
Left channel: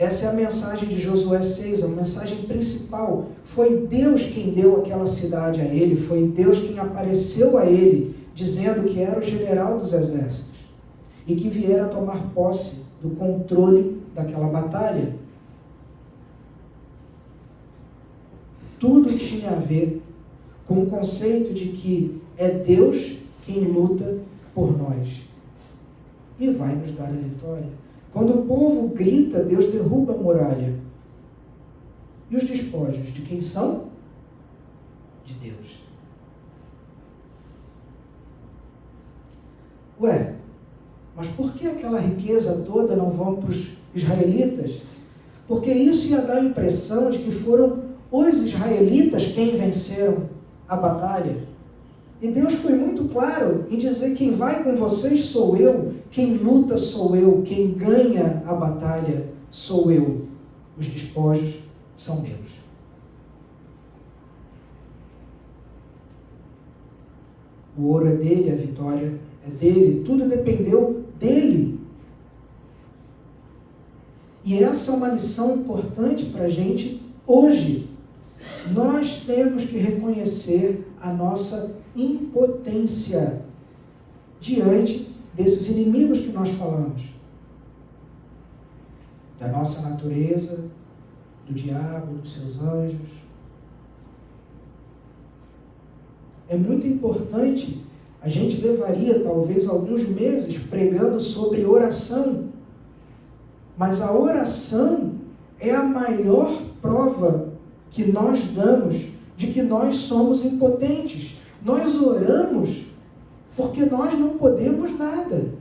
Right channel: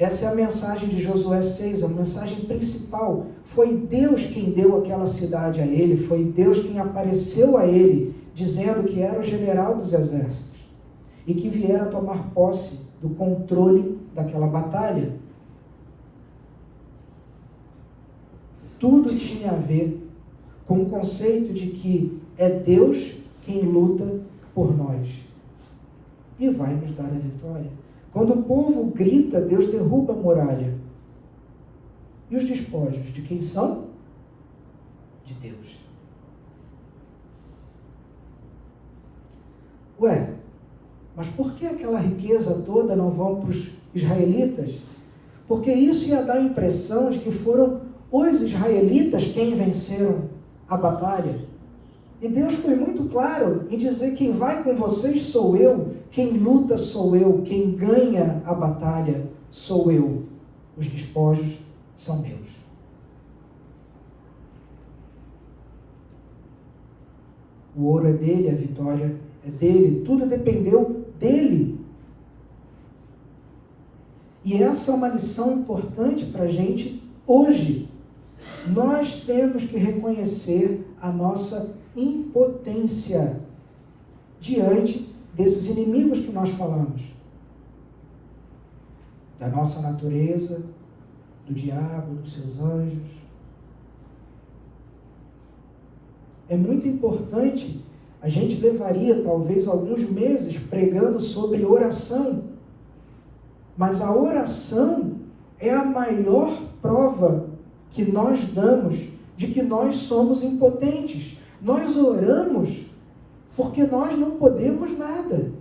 Essa é a mensagem de Josué 6, a mensagem principal. Foi Deus quem deu aquela cidade a ele, foi Deus quem apareceu a ele, dizendo que era o general dos exércitos e que viera tomar posse do controle daquela batalha. Tudo tinha a ver com o conceito de que é Deus quem luta por nós e vai nos dar a vitória. Quando o povo grita, Deus derruba a muralha. E os despojos de quem são? De Deus. Ué, mas por que aquela riqueza toda não vão para os israelitas? Porque isso ia dar a impressão de que foram os israelitas quem venceram a batalha. E Deus foi muito claro em dizer: quem vai com vocês sou eu, quem luta sou eu, quem ganha a batalha sou eu. Os despojos são meus. O ouro é dele, a vitória é dele, tudo dependeu dele. E essa é uma lição importante para a gente hoje. Nós temos que reconhecer a nossa impotência diante desses inimigos que nós falamos. Da nossa natureza, do diabo, dos seus anjos. É muito importante, a gente levaria talvez alguns meses pregando sobre oração, mas a oração é a maior prova que nós damos de que nós somos impotentes. Nós oramos porque nós não podemos nada.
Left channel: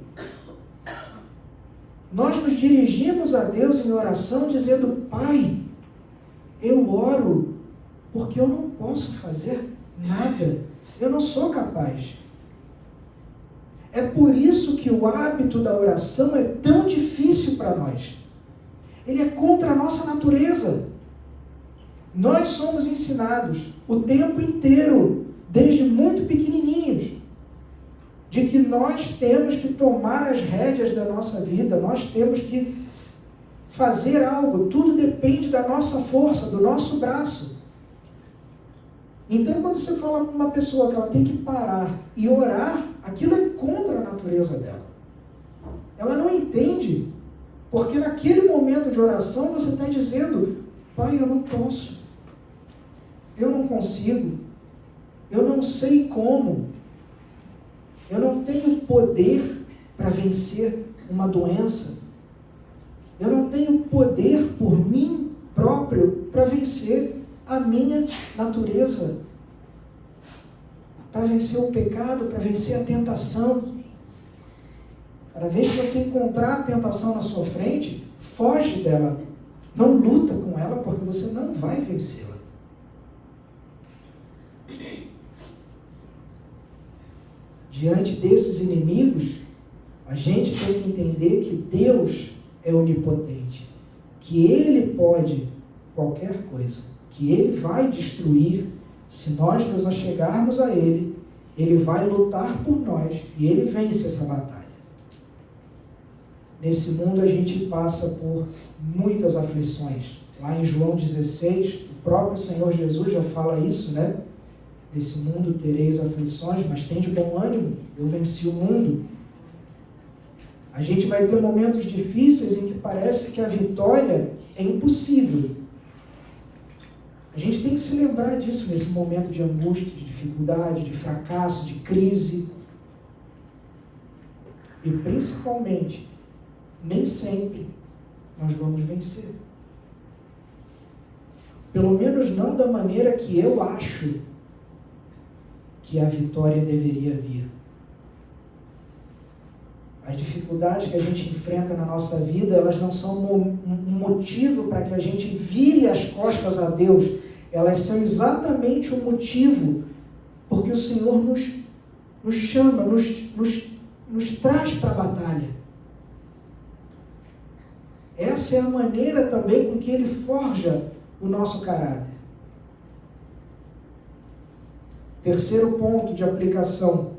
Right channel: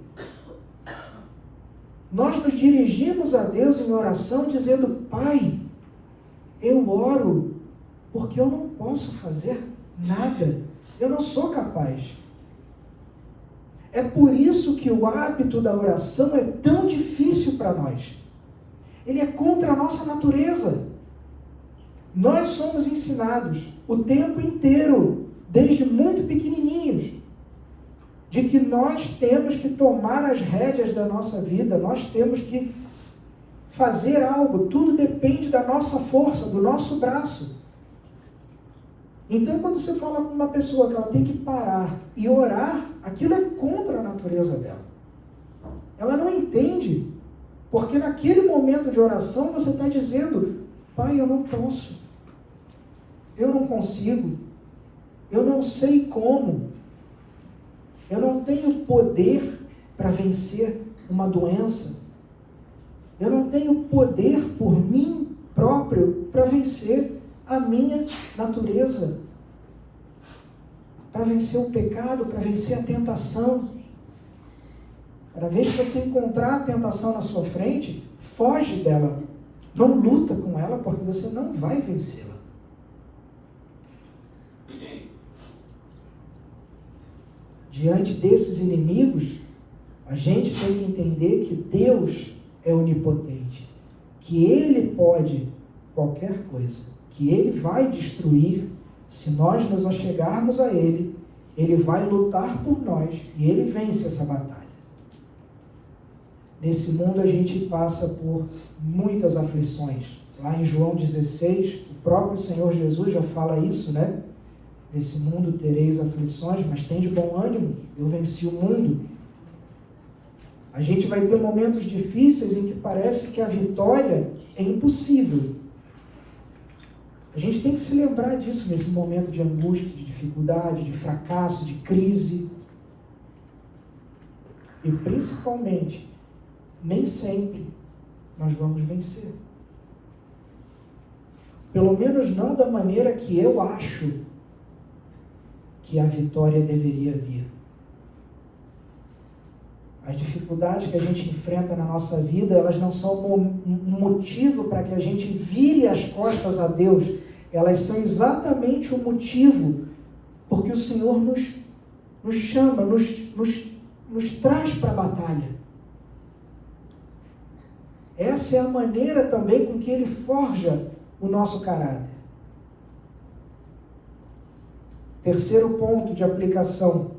Nós nos dirigimos a Deus em oração dizendo: Pai, eu oro porque eu não posso fazer nada. Eu não sou capaz. É por isso que o hábito da oração é tão difícil para nós. Ele é contra a nossa natureza. Nós somos ensinados o tempo inteiro, desde muito pequenininhos, de que nós temos que tomar as rédeas da nossa vida, nós temos que fazer algo, tudo depende da nossa força, do nosso braço. Então, quando você fala com uma pessoa que ela tem que parar e orar, aquilo é contra a natureza dela. Ela não entende, porque naquele momento de oração você está dizendo: Pai, eu não posso, eu não consigo, eu não sei como, eu não tenho poder para vencer uma doença, eu não tenho poder por mim próprio para vencer a minha natureza, para vencer o pecado, para vencer a tentação. Cada vez que você encontrar a tentação na sua frente, foge dela, não luta com ela, porque você não vai vencê-la. Diante desses inimigos, a gente tem que entender que Deus é onipotente, que Ele pode qualquer coisa, que Ele vai destruir. Se nós nos achegarmos a Ele, Ele vai lutar por nós e Ele vence essa batalha. Nesse mundo a gente passa por muitas aflições. Lá em João 16, o próprio Senhor Jesus já fala isso, né? Nesse mundo tereis aflições, mas tende bom ânimo, eu venci o mundo. A gente vai ter momentos difíceis em que parece que a vitória é impossível. A gente tem que se lembrar disso nesse momento de angústia, de dificuldade, de fracasso, de crise. E principalmente, nem sempre nós vamos vencer. Pelo menos não da maneira que eu acho que a vitória deveria vir. As dificuldades que a gente enfrenta na nossa vida, elas não são um motivo para que a gente vire as costas a Deus. Elas são exatamente o motivo porque o Senhor nos chama, nos traz para a batalha. Essa é a maneira também com que Ele forja o nosso caráter. Terceiro ponto de aplicação.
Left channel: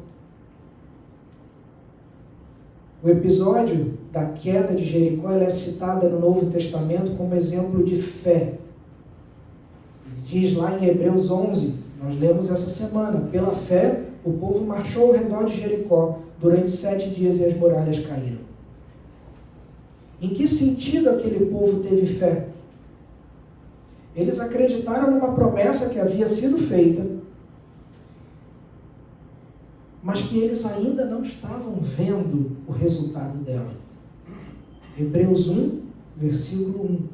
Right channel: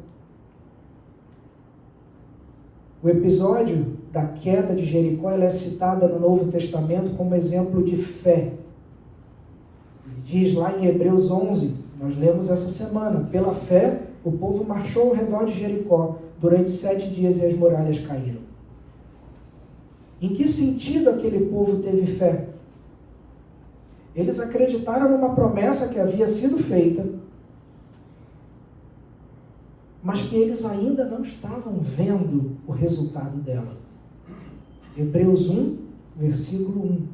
O episódio da queda de Jericó, ela é citada no Novo Testamento como exemplo de fé. Ele diz lá em Hebreus 11, nós lemos essa semana, pela fé o povo marchou ao redor de Jericó durante 7 dias e as muralhas caíram. Em que sentido aquele povo teve fé? Eles acreditaram numa promessa que havia sido feita, mas que eles ainda não estavam vendo o resultado dela. Hebreus 1, versículo 1.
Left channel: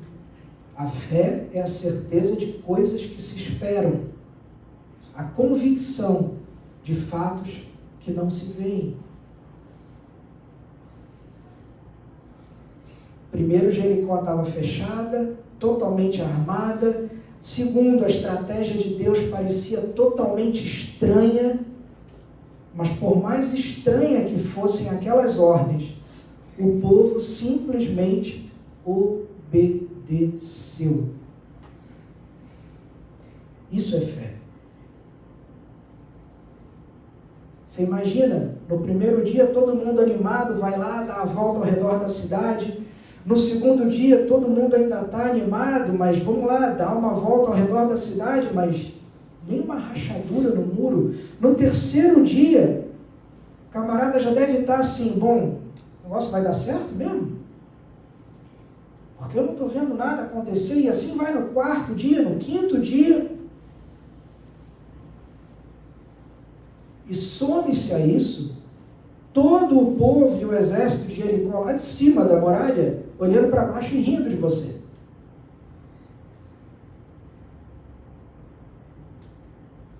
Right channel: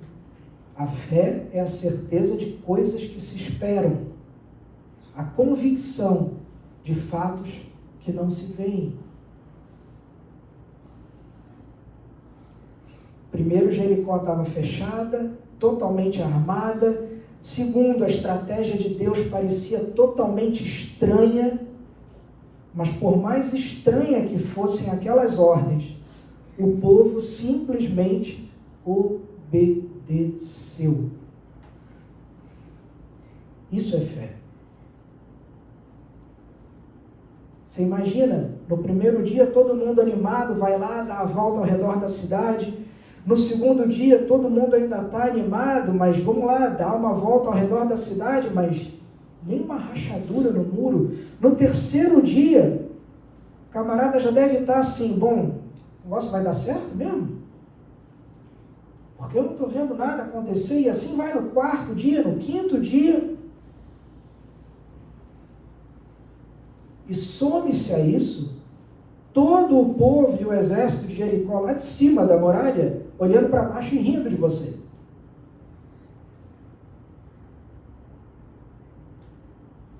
A fé é a certeza de coisas que se esperam, a convicção de fatos que não se veem. Primeiro, Jericó estava fechada, totalmente armada. Segundo, a estratégia de Deus parecia totalmente estranha. Mas por mais estranha que fossem aquelas ordens, o povo simplesmente obedeceu. Isso é fé. Você imagina, no primeiro dia todo mundo animado, vai lá, dá a volta ao redor da cidade. No segundo dia todo mundo ainda está animado, mas vamos lá, dá uma volta ao redor da cidade, mas nenhuma rachadura no muro. No terceiro dia, o camarada já deve estar assim, bom, o negócio vai dar certo mesmo? Porque eu não estou vendo nada acontecer, e assim vai no quarto dia, no quinto dia. E some-se a isso, todo o povo e o exército de Jericó lá de cima da muralha, olhando para baixo e rindo de você.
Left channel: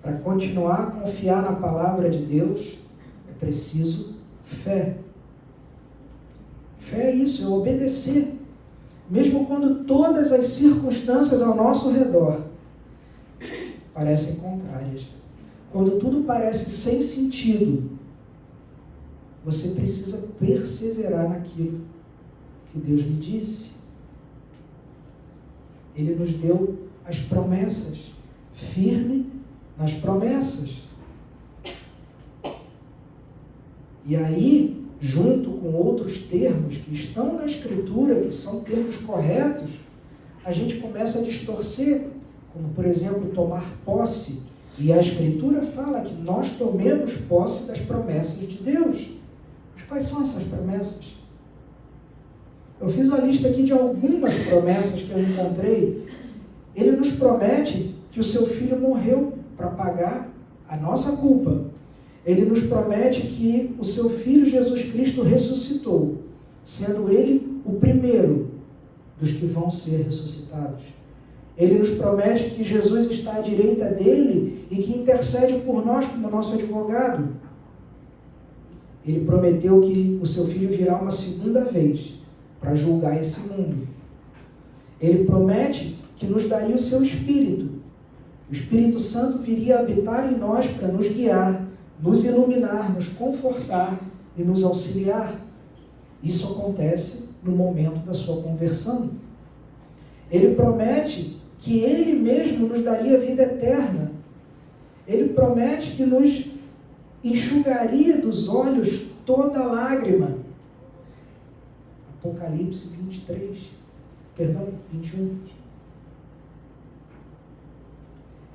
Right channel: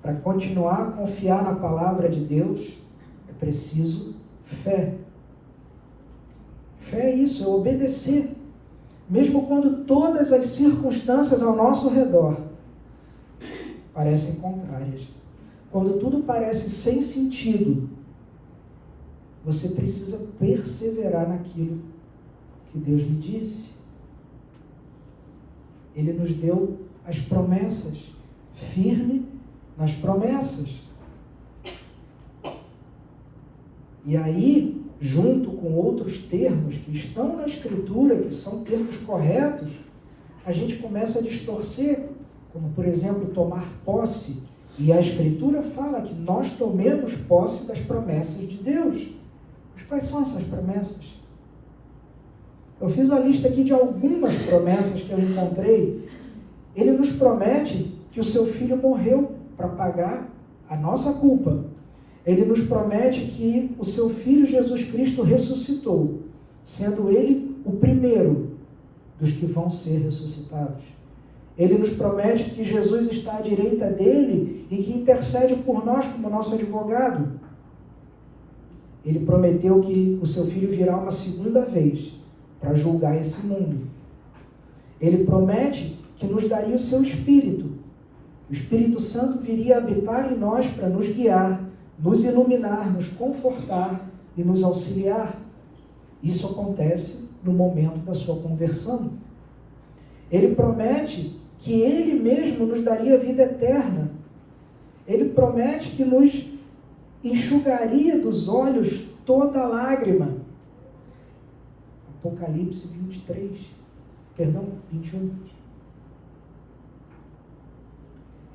Para continuar a confiar na palavra de Deus, é preciso fé. Fé é isso, é obedecer. Mesmo quando todas as circunstâncias ao nosso redor parecem contrárias. Quando tudo parece sem sentido, você precisa perseverar naquilo que Deus lhe disse. Ele nos deu as promessas, firme nas promessas. E aí, junto com outros termos que estão na Escritura, que são termos corretos, a gente começa a distorcer, como por exemplo, tomar posse. E a Escritura fala que nós tomemos posse das promessas de Deus. Mas quais são essas promessas? Eu fiz a lista aqui de algumas promessas que eu encontrei. Ele nos promete que o seu filho morreu para pagar a nossa culpa. Ele nos promete que o seu filho Jesus Cristo ressuscitou, sendo ele o primeiro dos que vão ser ressuscitados. Ele nos promete que Jesus está à direita dele e que intercede por nós como nosso advogado. Ele prometeu que o seu filho virá uma segunda vez para julgar esse mundo. Ele promete que nos daria o seu Espírito. O Espírito Santo viria habitar em nós para nos guiar, nos iluminar, nos confortar e nos auxiliar. Isso acontece no momento da sua conversão. Ele promete que Ele mesmo nos daria vida eterna. Ele promete que nos enxugaria dos olhos toda lágrima. Apocalipse 21.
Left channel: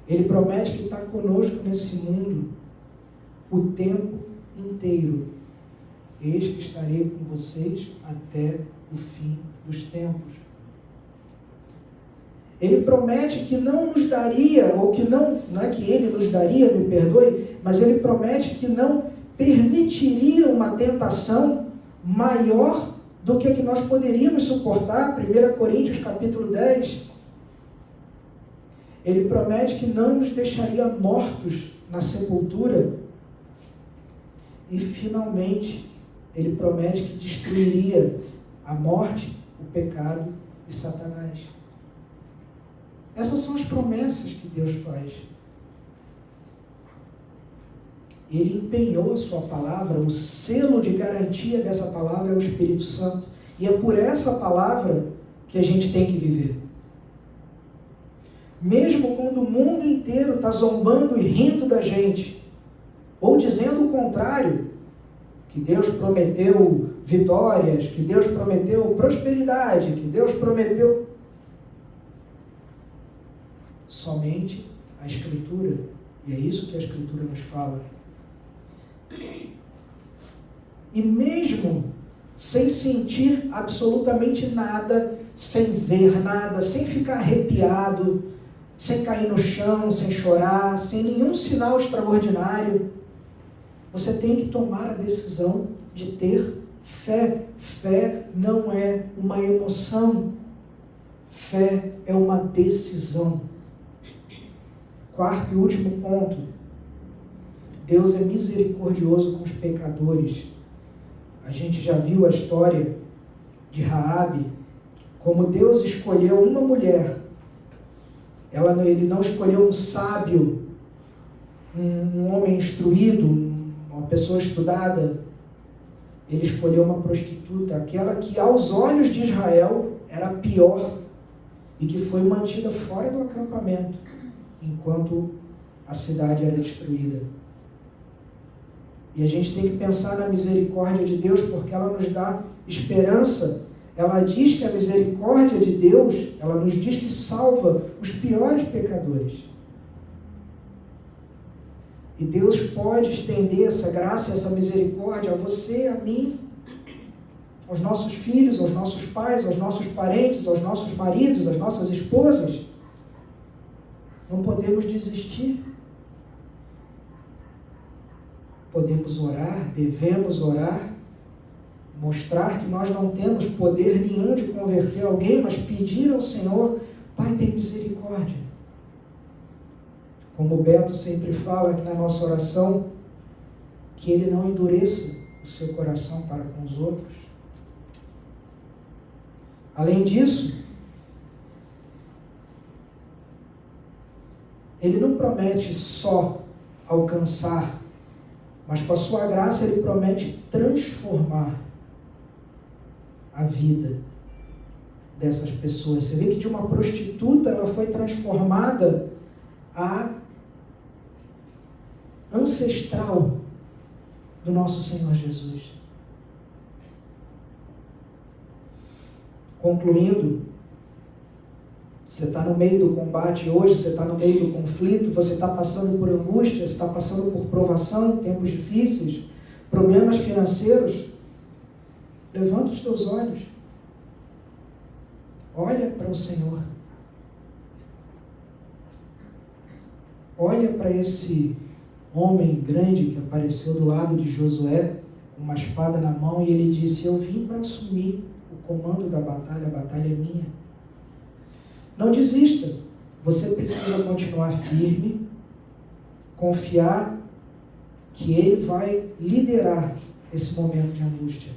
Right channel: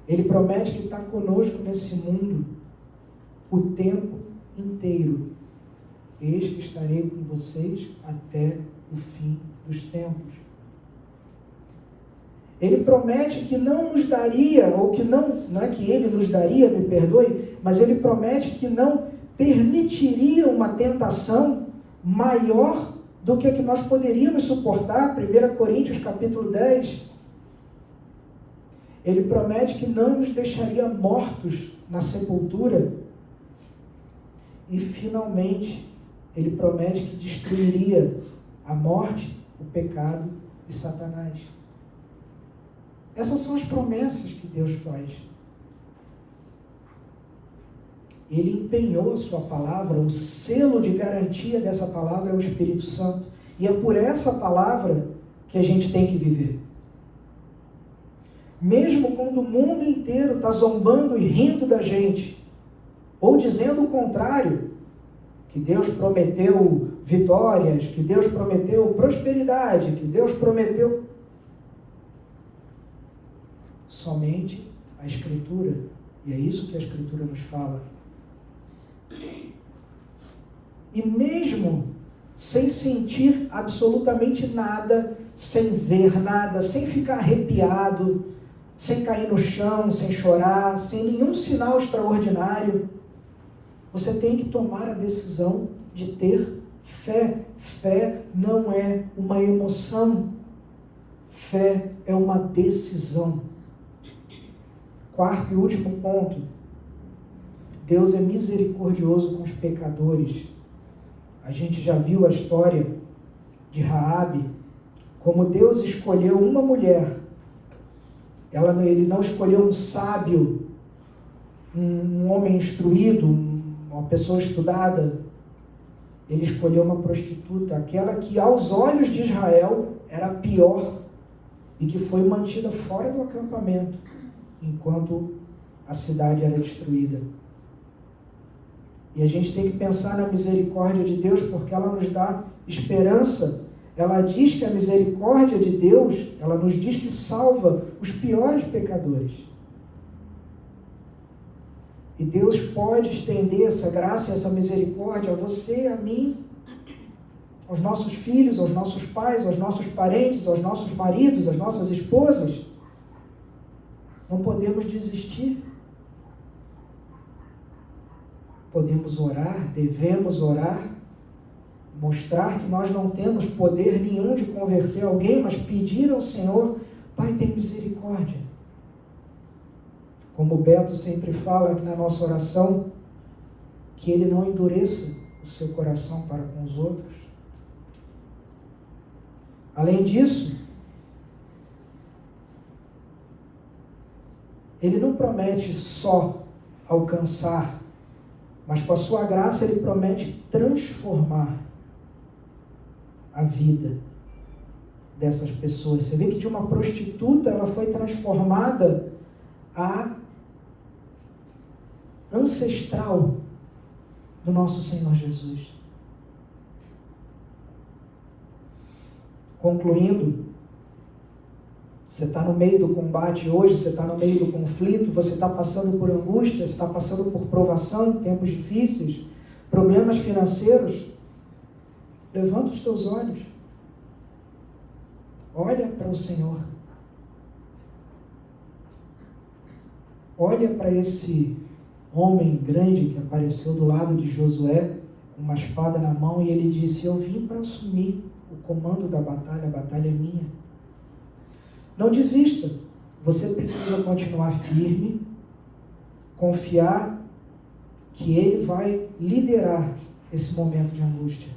Ele promete que está conosco nesse mundo o tempo inteiro. Eis que estarei com vocês até o fim dos tempos. Ele promete que não nos daria, ou que não é que Ele nos daria, me perdoe, mas Ele promete que não permitiria uma tentação maior do que a que nós poderíamos suportar. 1 Coríntios capítulo 10. Ele promete que não nos deixaria mortos na sepultura. E finalmente, Ele promete que destruiria a morte, o pecado e Satanás. Essas são as promessas que Deus faz. Ele empenhou a sua palavra, o selo de garantia dessa palavra é o Espírito Santo. E é por essa palavra que a gente tem que viver. Mesmo quando o mundo inteiro está zombando e rindo da gente, ou dizendo o contrário, que Deus prometeu vitórias, que Deus prometeu prosperidade, que Deus prometeu. Somente a Escritura, e é isso que a Escritura nos fala. E mesmo sem sentir absolutamente nada, sem ver nada, sem ficar arrepiado, sem cair no chão, sem chorar, sem nenhum sinal extraordinário, você tem que tomar a decisão de ter fé. Fé não é uma emoção, fé é uma decisão. Quarto e último ponto, Deus é misericordioso com os pecadores. A gente já viu a história de Raabe, como Deus escolheu uma mulher. Ele não escolheu um sábio, um homem instruído, uma pessoa estudada. Ele escolheu uma prostituta, aquela que aos olhos de Israel era a pior e que foi mantida fora do acampamento enquanto a cidade era destruída. E a gente tem que pensar na misericórdia de Deus, porque ela nos dá esperança. Ela diz que a misericórdia de Deus, ela nos diz que salva os piores pecadores. E Deus pode estender essa graça, essa misericórdia a você, a mim, aos nossos filhos, aos nossos pais, aos nossos parentes, aos nossos maridos, às nossas esposas. Não podemos desistir. Podemos orar, devemos orar, mostrar que nós não temos poder nenhum de converter alguém, mas pedir ao Senhor, Pai, tem misericórdia. Como o Beto sempre fala aqui na nossa oração, que ele não endureça o seu coração para com os outros. Além disso, ele não promete só alcançar, mas com a sua graça ele promete transformar a vida dessas pessoas. Você vê que de uma prostituta ela foi transformada a ancestral do nosso Senhor Jesus. Concluindo, você está no meio do combate hoje, você está no meio do conflito, você está passando por angústia, você está passando por provação, tempos difíceis, problemas financeiros. Levanta os teus olhos. Olha para o Senhor. Olha para esse homem grande que apareceu do lado de Josué, com uma espada na mão, e ele disse: eu vim para assumir o comando da batalha, a batalha é minha. Não desista, você precisa continuar firme, confiar que Ele vai liderar esse momento de angústia.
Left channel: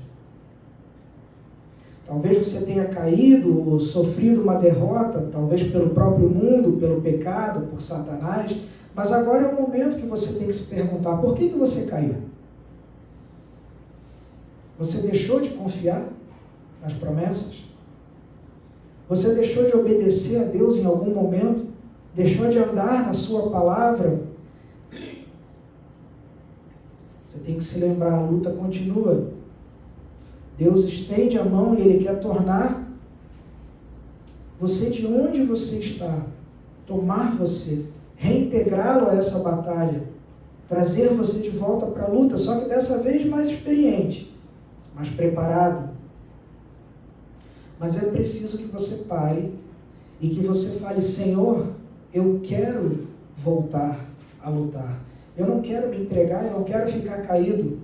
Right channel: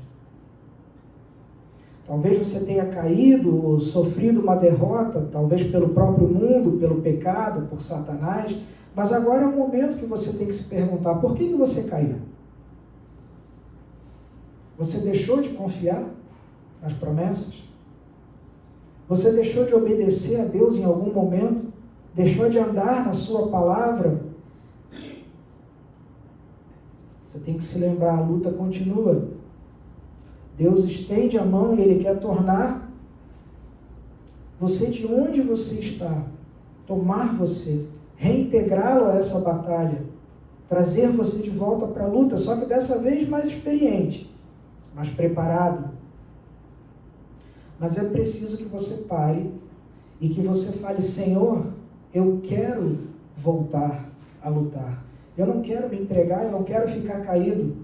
Talvez você tenha caído ou sofrido uma derrota, talvez pelo próprio mundo, pelo pecado, por Satanás, mas agora é o momento que você tem que se perguntar: por que você caiu? Você deixou de confiar nas promessas? Você deixou de obedecer a Deus em algum momento? Deixou de andar na sua palavra? Você tem que se lembrar, a luta continua. Deus estende a mão e Ele quer tornar você de onde você está, tomar você, reintegrá-lo a essa batalha, trazer você de volta para a luta, só que dessa vez mais experiente, mais preparado. Mas é preciso que você pare e que você fale: Senhor, eu quero voltar a lutar. Eu não quero me entregar, eu não quero ficar caído.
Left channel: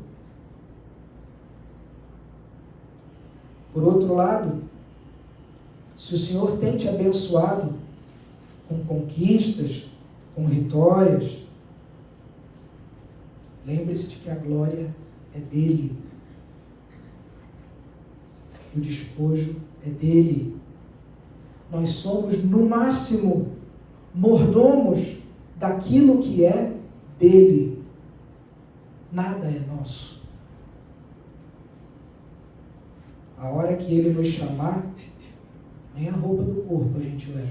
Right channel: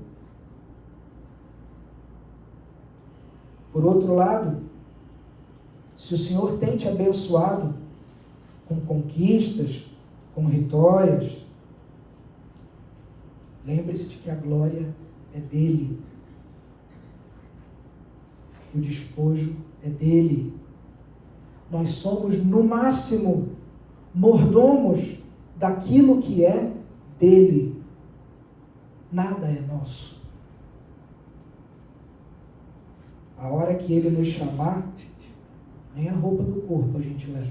Por outro lado, se o Senhor tem te abençoado com conquistas, com vitórias, lembre-se de que a glória é dele. O despojo é dele. Nós somos, no máximo, mordomos daquilo que é dele. Nada é nosso. A hora que ele nos chamar, nem a roupa do corpo a gente leva.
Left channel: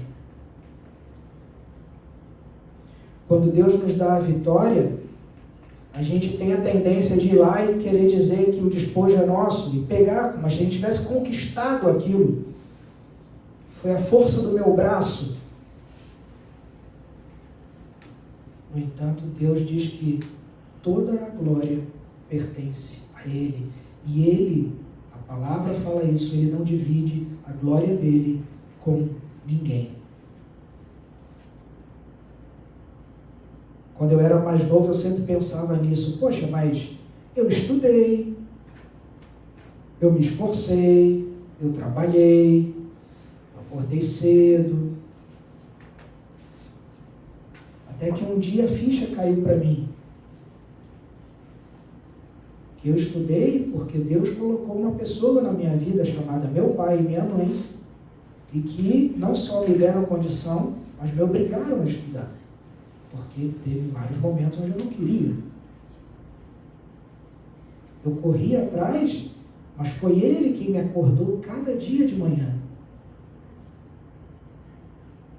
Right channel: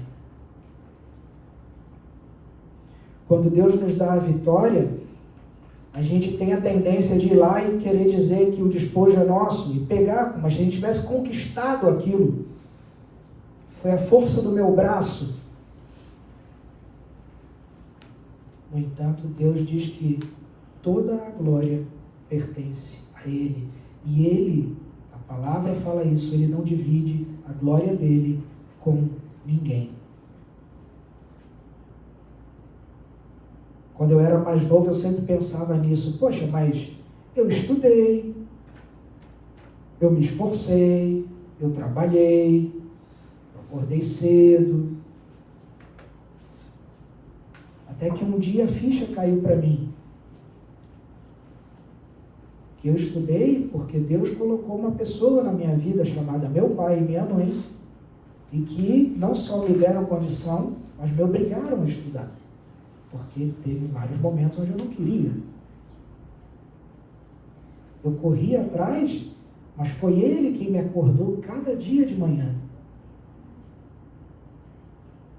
Quando Deus nos dá a vitória, A gente tem a tendência de ir lá e querer dizer que o despojo é nosso e pegar como se a gente tivesse conquistado aquilo. Foi a força do meu braço. No entanto, Deus diz que toda a glória pertence a Ele. E Ele, a palavra fala isso, Ele não divide a glória dele com ninguém. Quando eu era mais novo, eu sempre pensava nisso. Poxa, mas eu estudei, eu me esforcei, eu trabalhei, eu acordei cedo. Até que um dia a ficha caiu para mim. Que eu estudei porque Deus colocou uma pessoa na minha vida chamada meu pai e minha mãe, e que não só me deram condição, mas me obrigaram a estudar. Porque teve vários momentos onde eu não queria. Eu corri atrás, mas foi Ele quem me acordou cada dia de manhã.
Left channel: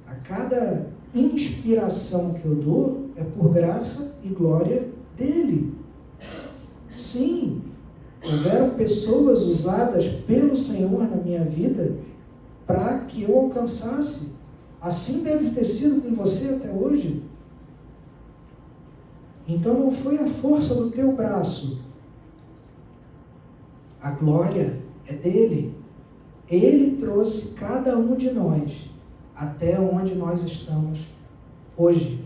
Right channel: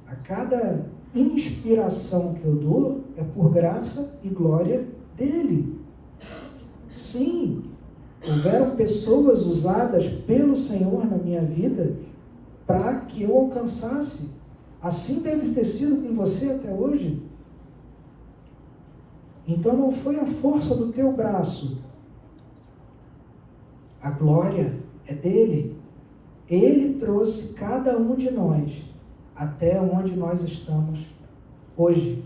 A cada inspiração que eu dou é por graça e glória dEle. Sim, houveram pessoas usadas pelo Senhor na minha vida para que eu alcançasse. Assim deve ter sido com você até hoje. Então não foi a força do teu braço. A glória é dele. Ele trouxe cada um de nós até onde nós estamos hoje.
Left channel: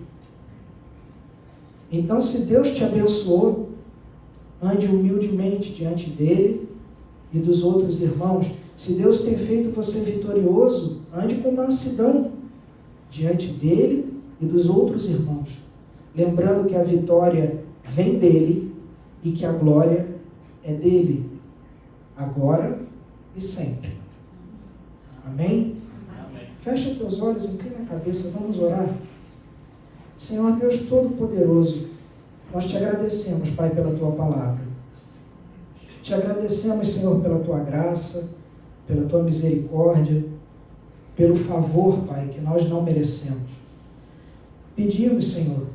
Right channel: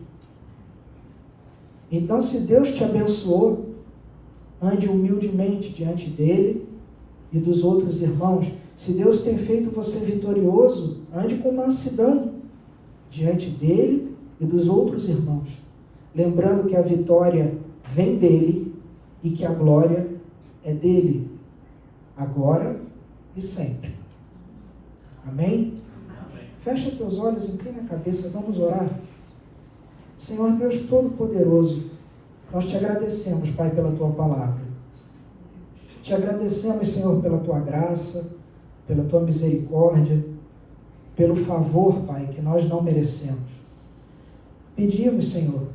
Então, se Deus te abençoou, ande humildemente diante dele e dos outros irmãos. Se Deus tem feito você vitorioso, ande com mansidão diante dele e dos outros irmãos. Lembrando que a vitória vem dele e que a glória é dele, agora e sempre. Amém? Amém. Fecha teus olhos, inclina a cabeça, vamos orar. Senhor Deus Todo-Poderoso, nós te agradecemos, Pai, pela tua palavra. Te agradecemos, Senhor, pela tua graça, pela tua misericórdia, pelo favor, Pai, que nós não merecemos. Pedimos, Senhor,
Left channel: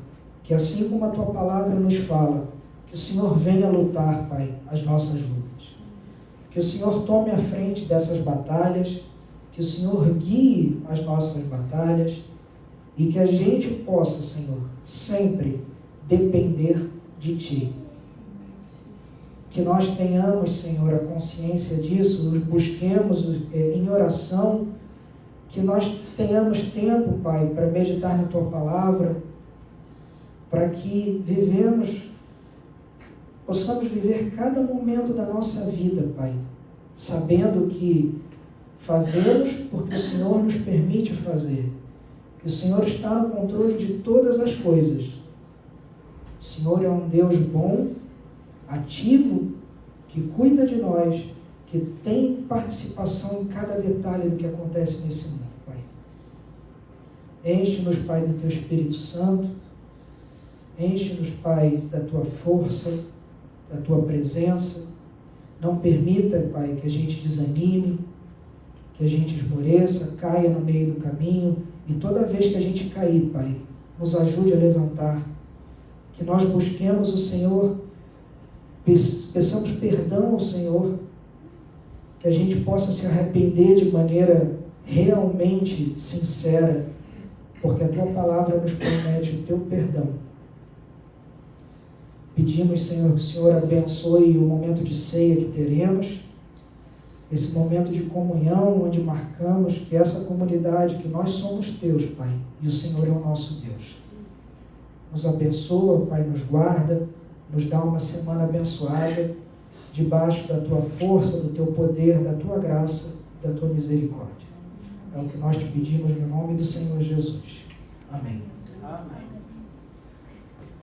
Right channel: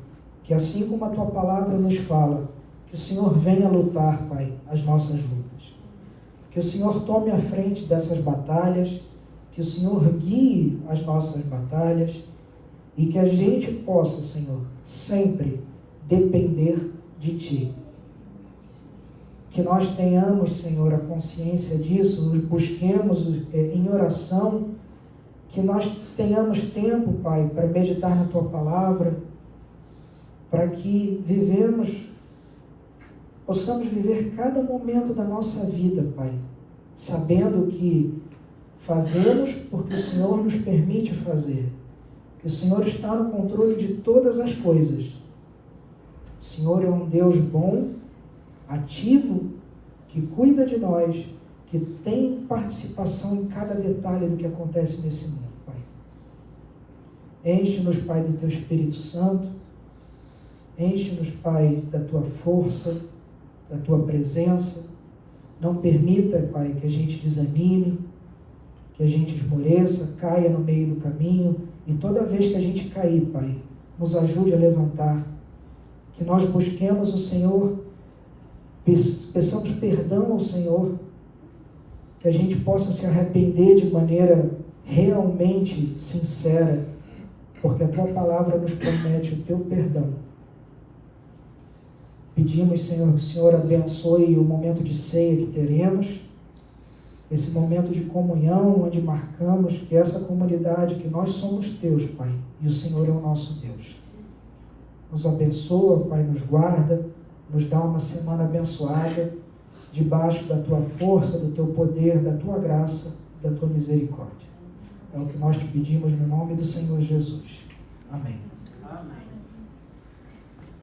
que assim como a tua palavra nos fala, que o Senhor venha lutar, Pai, as nossas lutas. Que o Senhor tome a frente dessas batalhas, que o Senhor guie as nossas batalhas e que a gente possa, Senhor, sempre depender de Ti. Que nós tenhamos, Senhor, a consciência disso, nos busquemos em oração, que nós tenhamos tempo, Pai, para meditar na Tua palavra, para que possamos viver cada momento da nossa vida, Pai, sabendo que fazemos porque o Senhor nos permite fazer, que o Senhor está no controle de todas as coisas. O Senhor é um Deus bom, ativo, que cuida de nós, que tem participação em cada detalhe do que acontece nesse mundo, Pai. Enche-nos, Pai, do Teu Espírito Santo, enche-nos, Pai, da Tua força, da Tua presença. Não permita, Pai, que a gente desanime, que a gente esmoreça, caia no meio do caminho, e toda vez que a gente cair, Pai, nos ajude a levantar, que nós busquemos o Senhor, peçamos perdão ao Senhor, que a gente possa se arrepender de maneira realmente sincera, porque a Tua palavra nos promete o Teu perdão. Pedimos, Senhor, que o Senhor abençoe o momento de ceia que teremos, esse momento de comunhão, onde marcamos que essa comunidade, que nós somos Teus, Pai, e o Senhor é o nosso Deus. Nos abençoa, Pai, nos guarda, nos dá uma semana abençoada, debaixo da Tua força, do Teu poder, da Tua graça, da Tua misericórdia. É o que nós te pedimos no nome do Senhor Jesus. Amém. Amém.